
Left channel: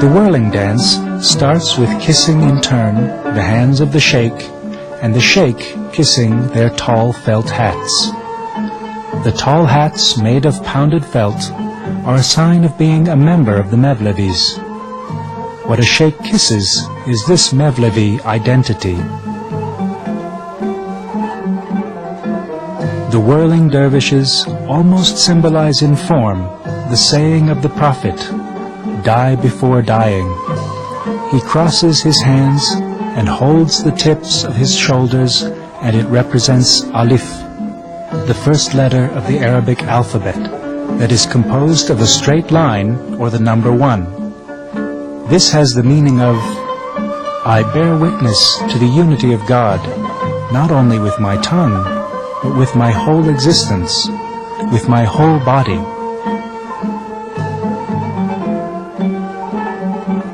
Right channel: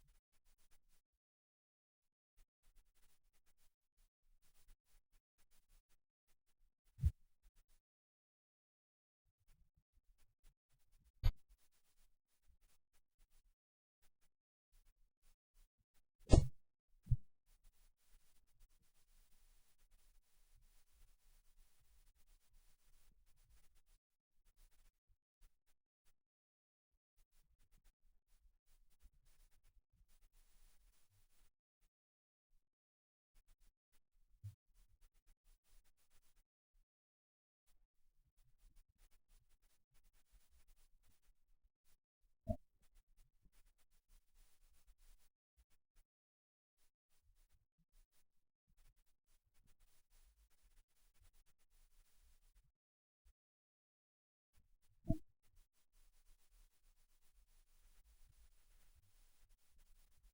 The whirling dance starts with kissing in turn the hands of the sheikh, and the sheikh kissing their tall felt hats. The tall hats, made of pounded felt, are a sign of being a member of the Mevlevis. What a sheikh kisses is this Mevlevi identity. The whirling dervishes almost symbolize in form the saying of the Prophet, "Die before dying." He crosses his hands and holds the tips of his shoulders, and it represents Alif, the first letter of the Arabic alphabet, that is composed of a straight line or the number 1. This has the meaning of, I bear witness to the unity of God, not only with my tongue, but with my whole existence, with my whole body.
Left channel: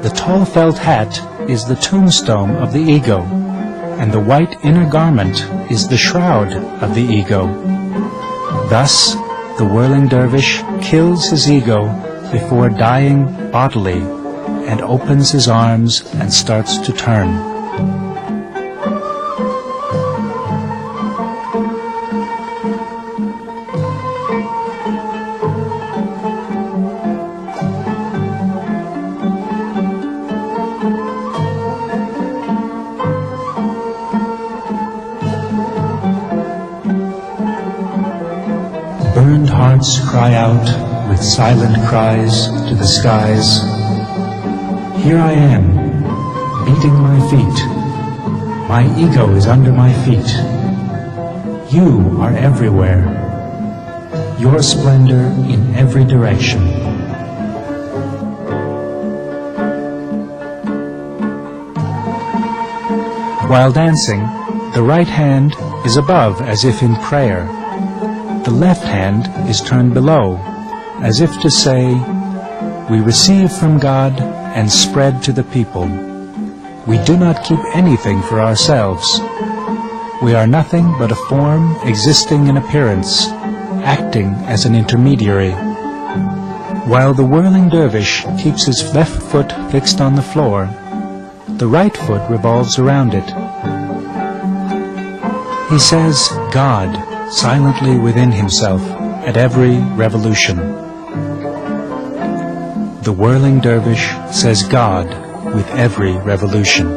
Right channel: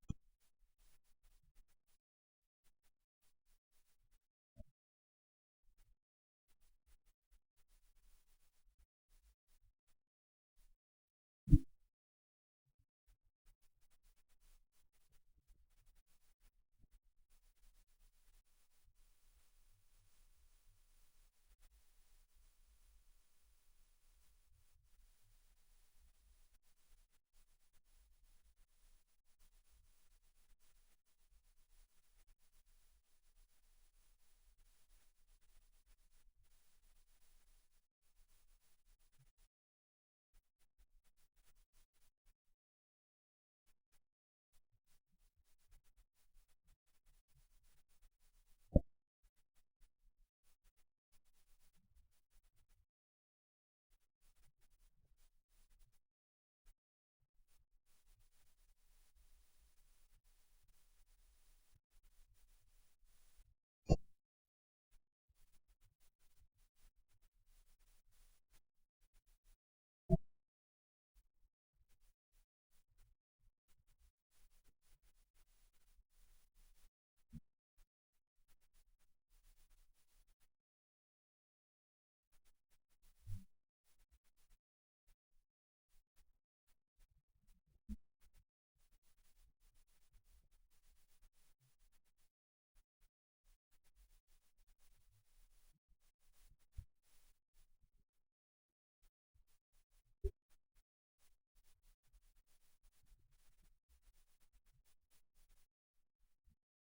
The tall felt hat is the tombstone of the ego, and the white inner garment is the shroud of the ego. Thus, the whirling dervish kills his ego before dying bodily, and opens his arms and starts to turn. Burned hearts cry out with silent cries to the skies, "Here I am, beating my feet. My ego is under my feet. You are everywhere. Your splendor in every direction." While dancing, the right hand is above as if in prayer. The left hand is turned below, as if to say, "We receive from God and spread to the people. We do not keep anything for ourselves. We are nothing but a form existing in appearance, acting as an intermediary." While the whirling dervish keeps his left foot fixed on the floor, the right foot revolves around it. He says God silently within himself at every revolution. The whirling dervish says God with every revolution.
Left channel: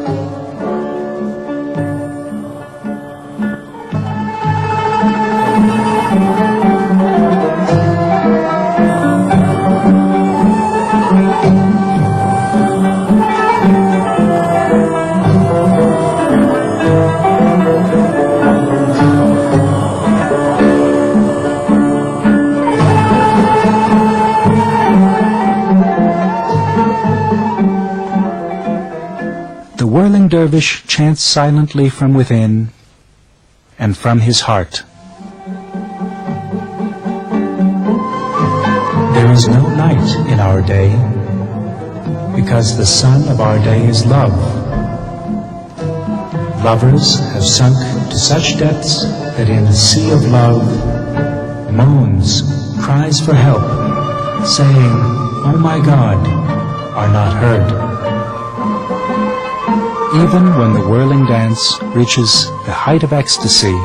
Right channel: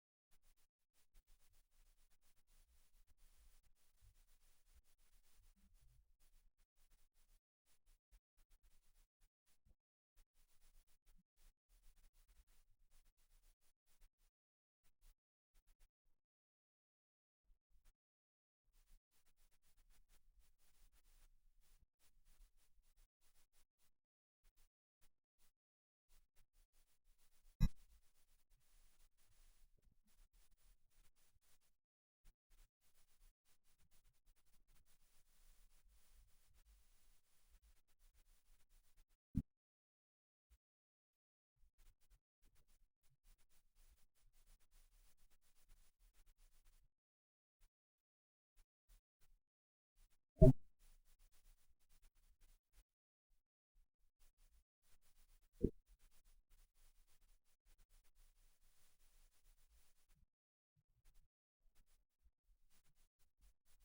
The whirling dervish chants silently from within and from his heart. There is no night in our day, because the sun of our day is love. Lovers have sunk to such depths that in the sea of love, moans, cries for help, saying, "Oh my God," are not heard. Even when the whirling dance reaches the height of ecstasy,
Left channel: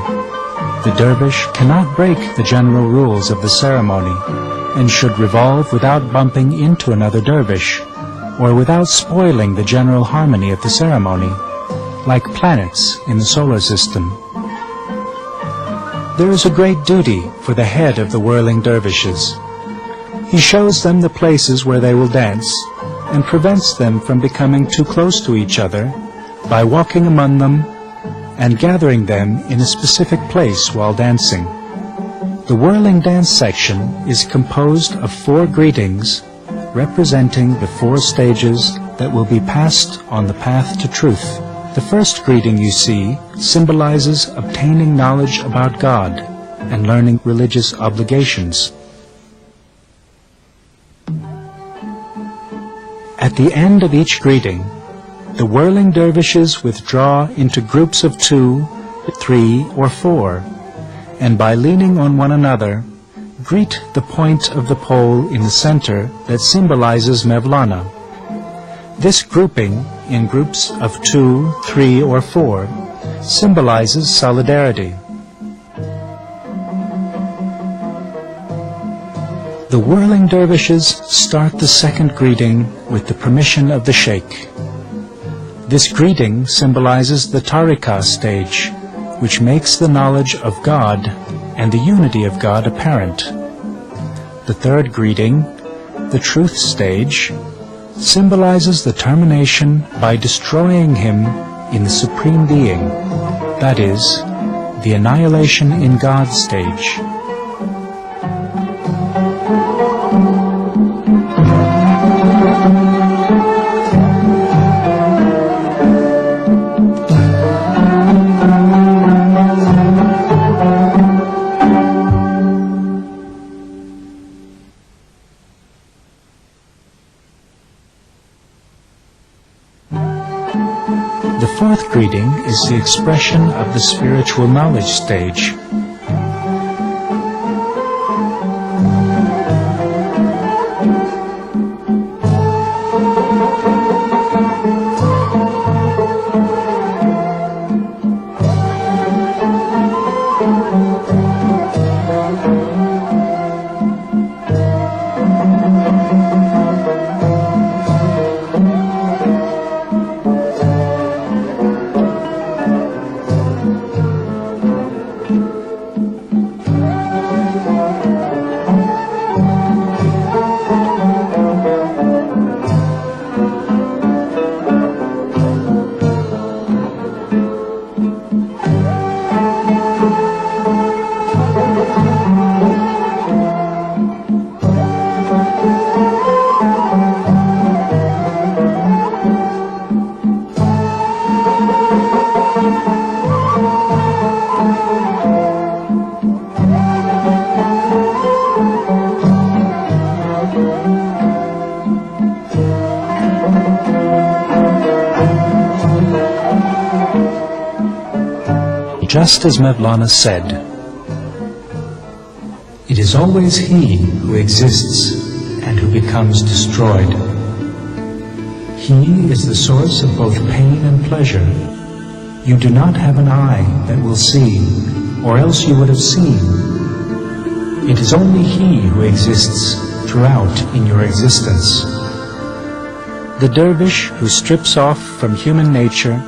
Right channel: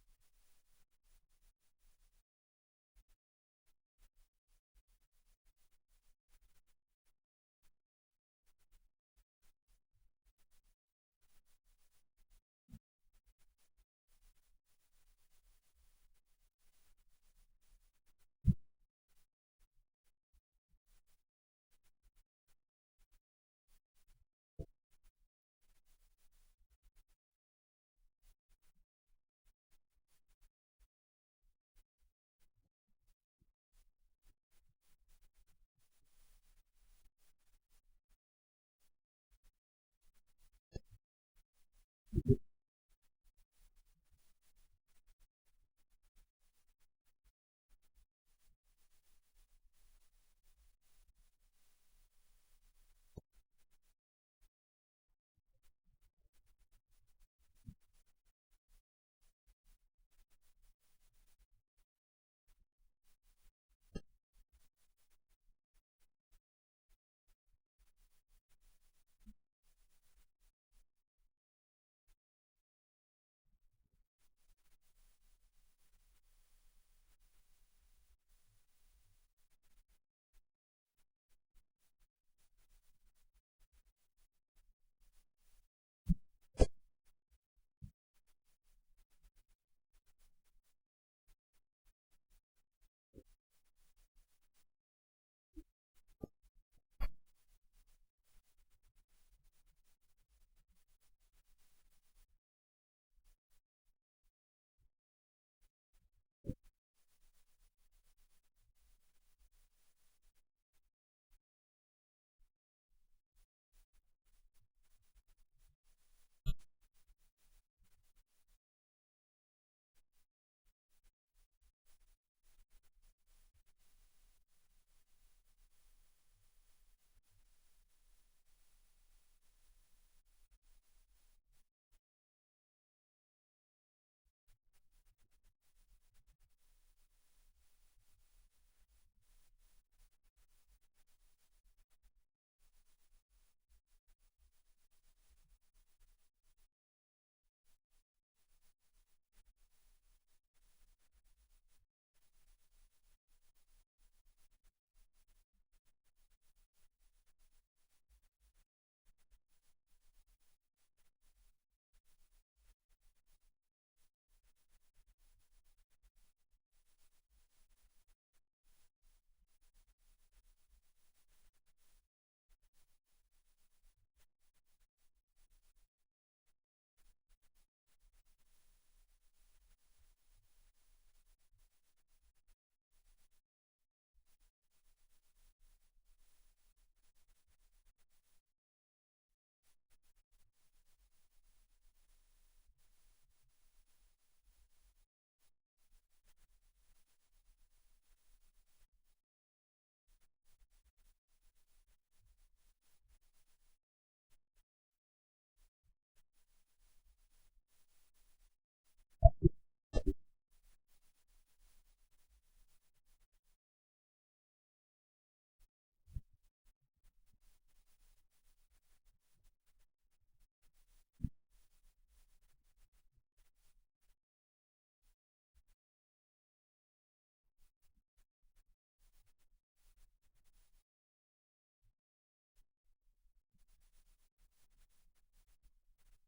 the dervish cannot break the general rules of the ceremony and should revolve without bumping into another dervish or without spoiling the general harmony of the ceremony, like planets in the solar system. There is a great duty for the head of the whirling dervishes. He shows them the places where they will dance and prevents them from becoming too close to each other by walking among them and gathering them in a specific place while dancing. The whirling dance section is composed of 4 greetings representing the 4 stages that will be passed on the path to truth. The first greeting you see symbolizes obtaining knowledge about God and learning religious obligations. At the end of each greeting, the whirling dervishes withdraw into groups of 2, 3, or 4, and by leaning on one another, greet the point of the pole in the center that symbolizes Mevlana. This grouping in groups of 2, 3, or 4 symbolizes solidarity. The whirling dervishes start the second greeting with the permission of the sheikh. This greeting symbolizes the tariqah stage, which makes the knowledge of God and the unity of God apparent. The third greeting, the truth stage, symbolizes the termination by destroying him in the Supreme Being, that is, the annihilation in God stage. The fourth greeting is the expression of the spiritual knowledge stage. Just as Mevlana said, "It is always he who exists and who becomes destroyed. He is the source of both pain and pleasure. You do not have an eye that will see, or else you would have seen. It is only he who exists throughout in your existence." The dervish who strips off from human nature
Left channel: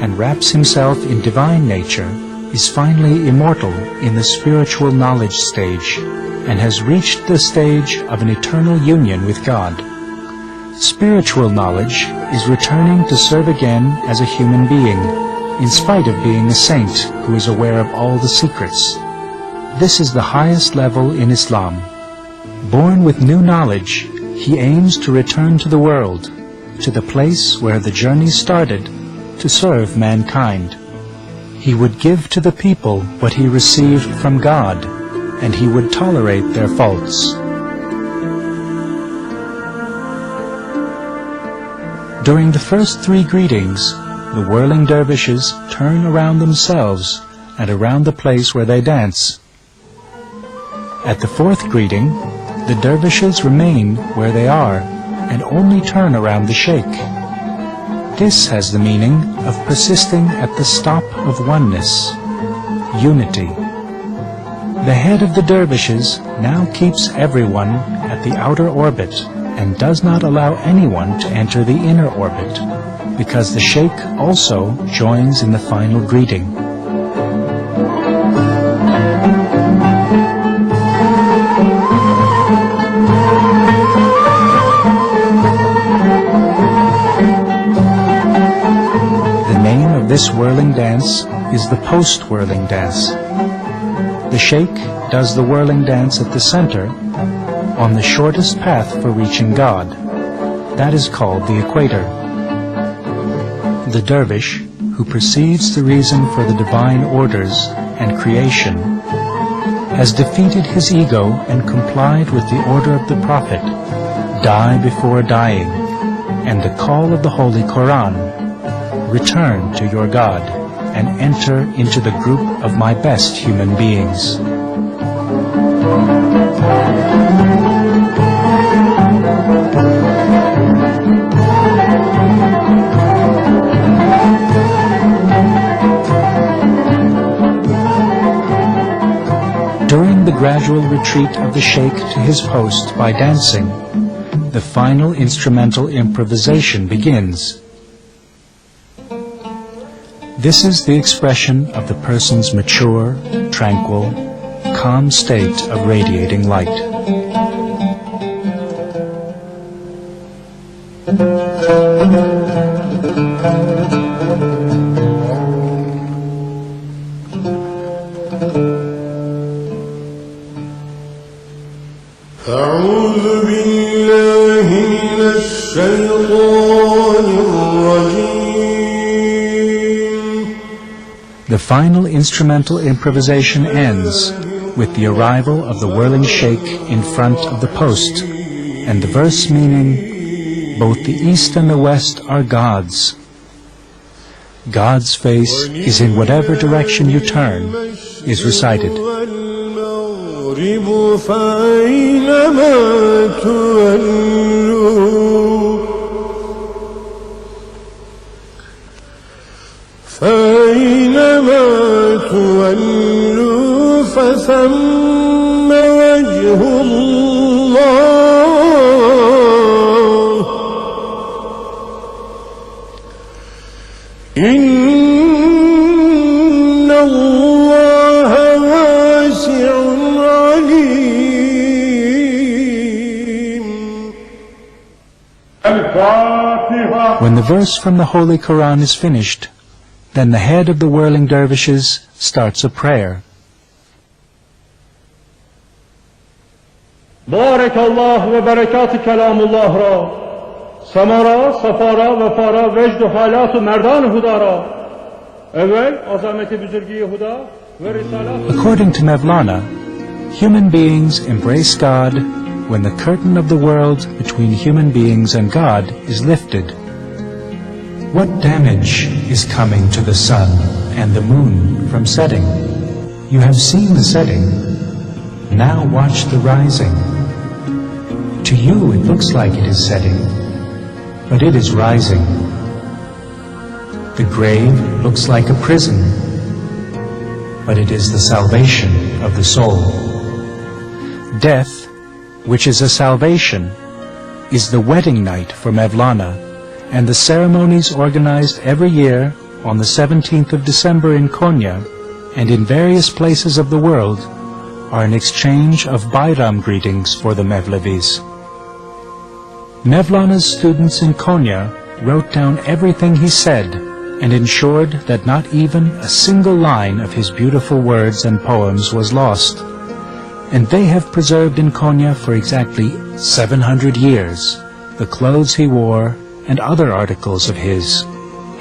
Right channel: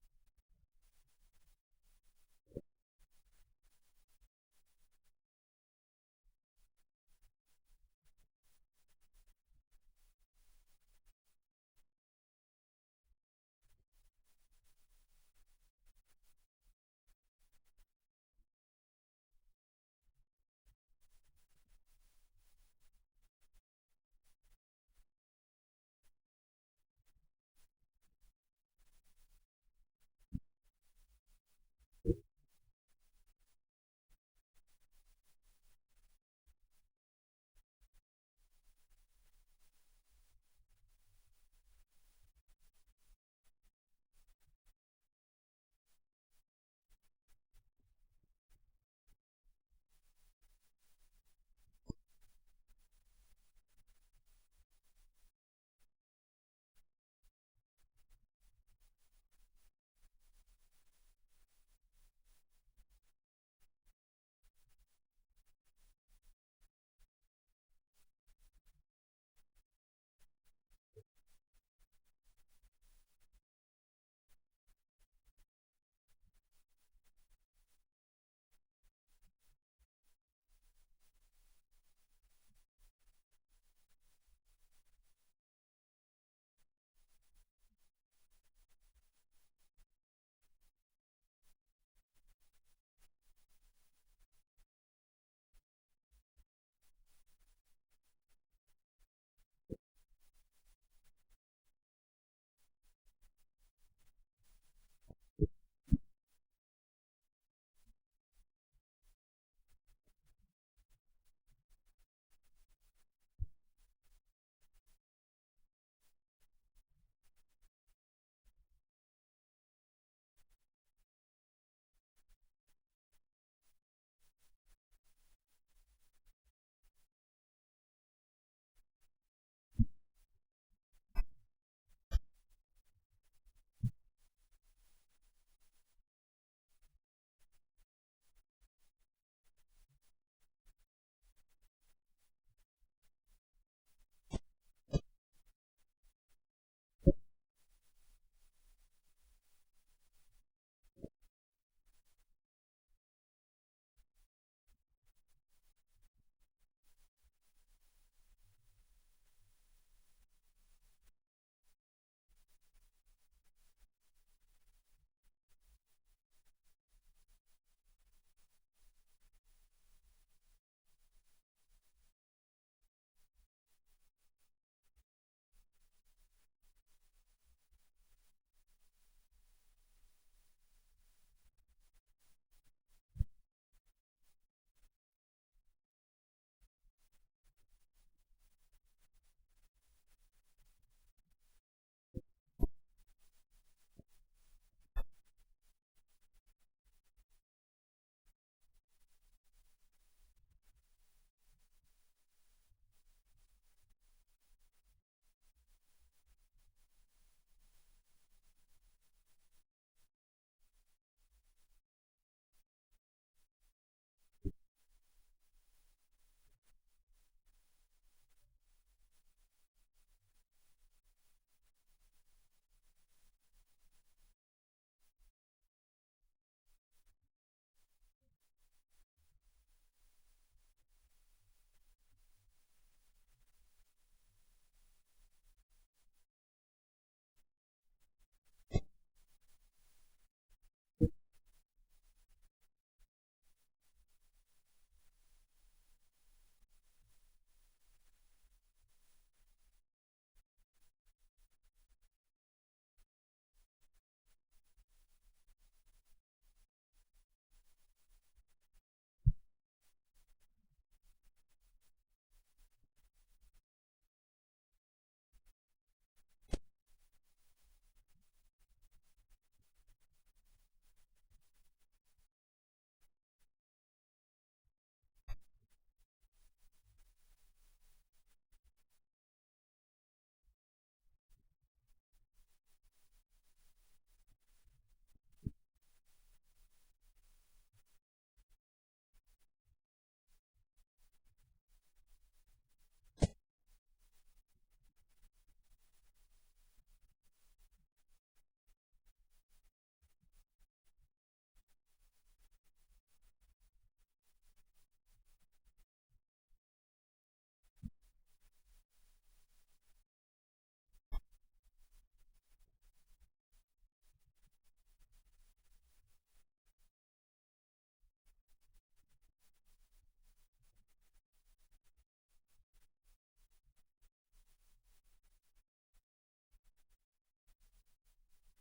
and wraps himself in divine nature is finally immortal in the spiritual knowledge stage and has reached the stage of an eternal union with God. Spiritual knowledge is returning to serve again as a human being, in spite of being a saint who is aware of all the secrets. This is the highest level in Islam. Born with new knowledge, he aims to return to the world, to the place where the journey started, to serve mankind. He would give to the people what he received from God, and he would tolerate their faults. During the first three greetings, the whirling dervishes turn around themselves and around the place where they dance. At the fourth greeting, the dervishes remain where they are and only turn around the sheikh. This has the meaning of persisting at the stop of oneness, unity. The head of the dervishes now keeps everyone at the outer orbit and does not allow anyone to enter the inner orbit, because the sheikh also joins in the final greeting. This whirling dance is the post-whirling dance. The sheikh does the whirling dance at the center, on the shortest path for reaching God. That is called the equator. The dervish, who perceives the reason for the divine orders and creation, has defeated his ego and complied with the order of the Prophet, die before dying, and the call of the Holy Quran, return to your God and enter into the group of my best human beings. gradual retreat of the sheikh to his post by dancing, the final instrumental improvisation begins. This is the expression of the person's mature, tranquil, calm state of radiating light. The final instrumental improvisation ends with the arrival of the whirling sheikh in front of the post, and the verse meaning, "Both the east and the west are God's. God's face is in whatever direction you turn," is recited. فثم وجه الله إن الله واسع عليم. When the verse from the Holy Quran is finished, then the head of the whirling dervishes starts a prayer. بارك الله و برکات کلام الله را سمارا سفارا و فارا وجد و حالات و مردان هدا را اول عظمت بزرگی هدا و رسالات. According to Mevlana, human beings embrace God when the curtain of the world between human beings and God is lifted. What damage is coming to the sun and the moon from setting? You have seen the setting. Now watch the rising. To you it looks like it is setting, but it is rising. The grave looks like a prison, but it is the salvation of the soul. Death, which is a salvation, is the wedding night for Mevlana, and the ceremonies organized every year on the 17th of December in Konya and in various places of the world are an exchange of Bayram greetings for the Mevlevis. Mevlana's students in Konya wrote down everything he said and ensured that not even a single line of his beautiful words and poems was lost. And they have preserved in Konya for exactly 700 years the clothes he wore and other articles of his.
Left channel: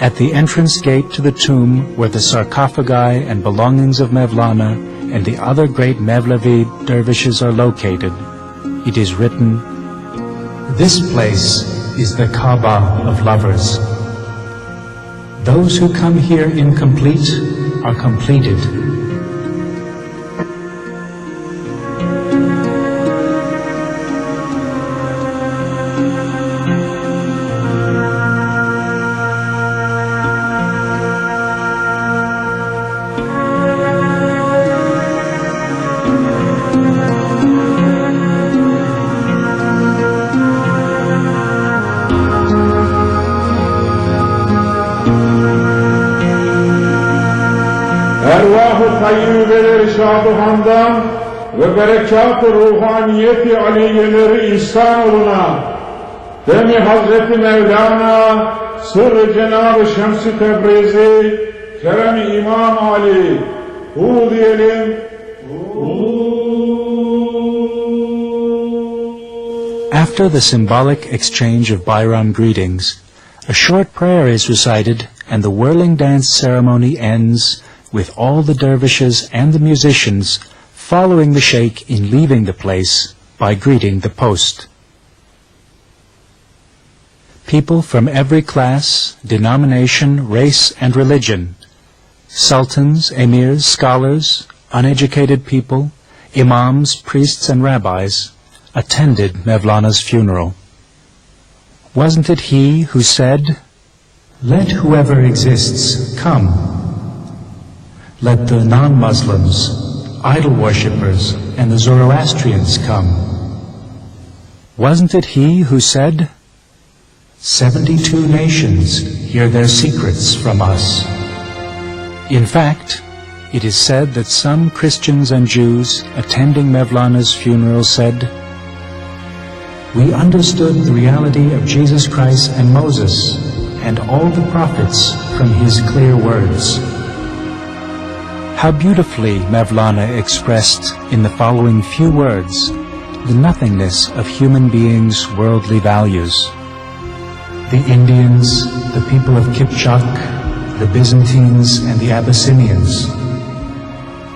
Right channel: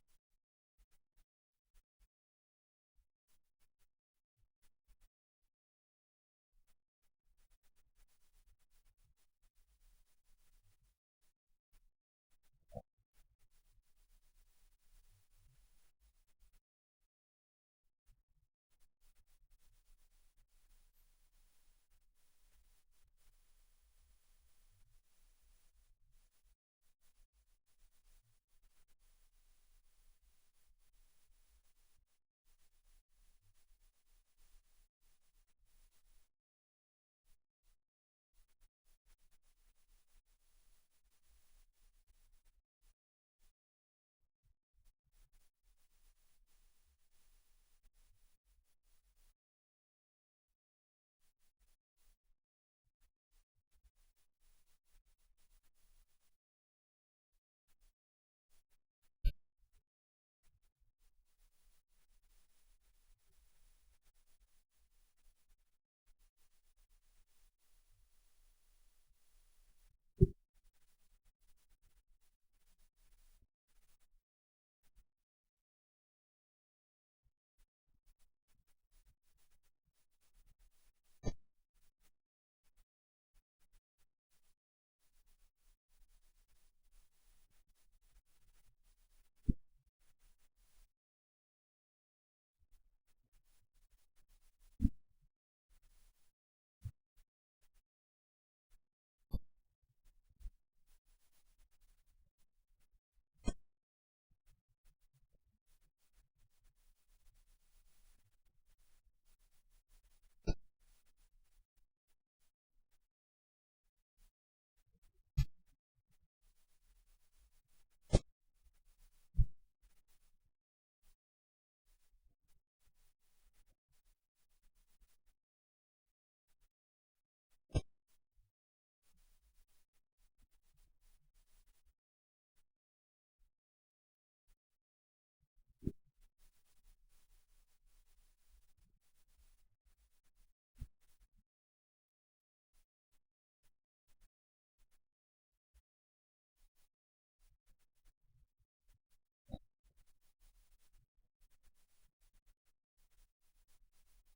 At the entrance gate to the tomb where the sarcophagi and belongings of Mevlana and the other great Mevlevi dervishes are located, it is written, "This place is the Kaaba of lovers. Those who come here incomplete are completed." Ervah-ı tayyibeleri şaduhandan ve berekat-ı ruhaniyeti aliyeleri ihsan oluna, demi Hazreti Mevlana, sırrı Cenab-ı Şems-i Tebrizi, Kerem-i İmam Ali, hu diyelim, After the symbolic exchange of Bayram greetings, a short prayer is recited and the whirling dance ceremony ends with all the dervishes and the musicians following the sheikh in leaving the place by greeting the post. People from every class, denomination, race, and religion, sultans, emirs, scholars, uneducated people, imams, priests, and rabbis, attended Mevlana's funeral. Wasn't it he who said, "Let whoever exists come. Let the non-Muslims, idol worshippers and the Zoroastrians come. Wasn't it he who said, 72 nations hear their secrets from us? In fact, it is said that some Christians and Jews attending Mevlana's funeral said, "We understood the reality of Jesus Christ and Moses and all the prophets from his clear words." How beautifully Mevlana expressed in the following few words the nothingness of human beings' worldly values. The Indians, the people of Kipchak, the Byzantines and the Abyssinians,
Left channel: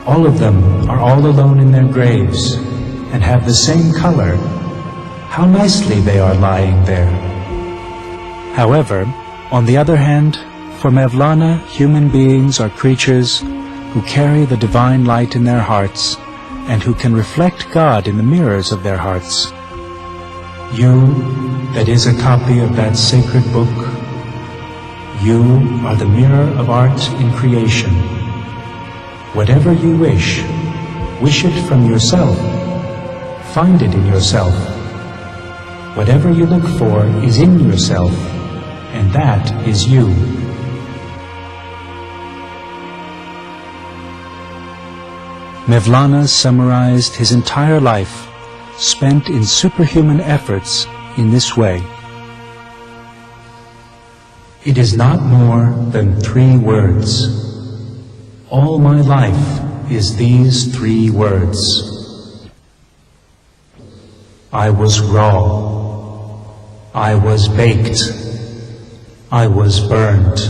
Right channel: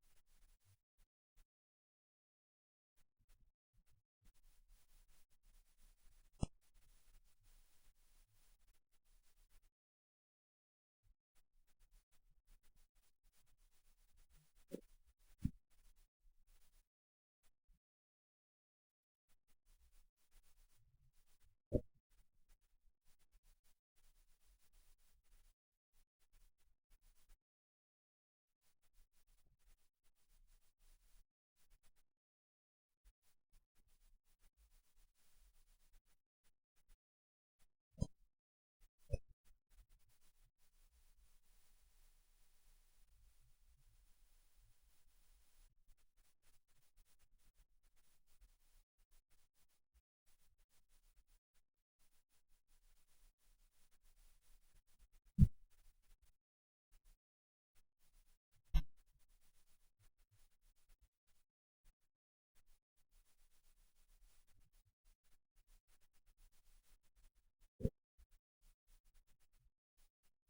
all of them are all alone in their graves and have the same color. How nicely they are lying there. However, on the other hand, for Mevlana, human beings are creatures who carry the divine light in their hearts and who can reflect God in the mirrors of their hearts. You, that is a copy of that sacred book, you are the mirror of art in creation. Whatever you wish it from yourself. Find it in yourself. Whatever you look for is in yourself, and that is you. Mevlana summarized his entire life, spent in superhuman efforts, in this way. It is not more than 3 words. All my life is these 3 words. I was raw. I was baked. I was burned.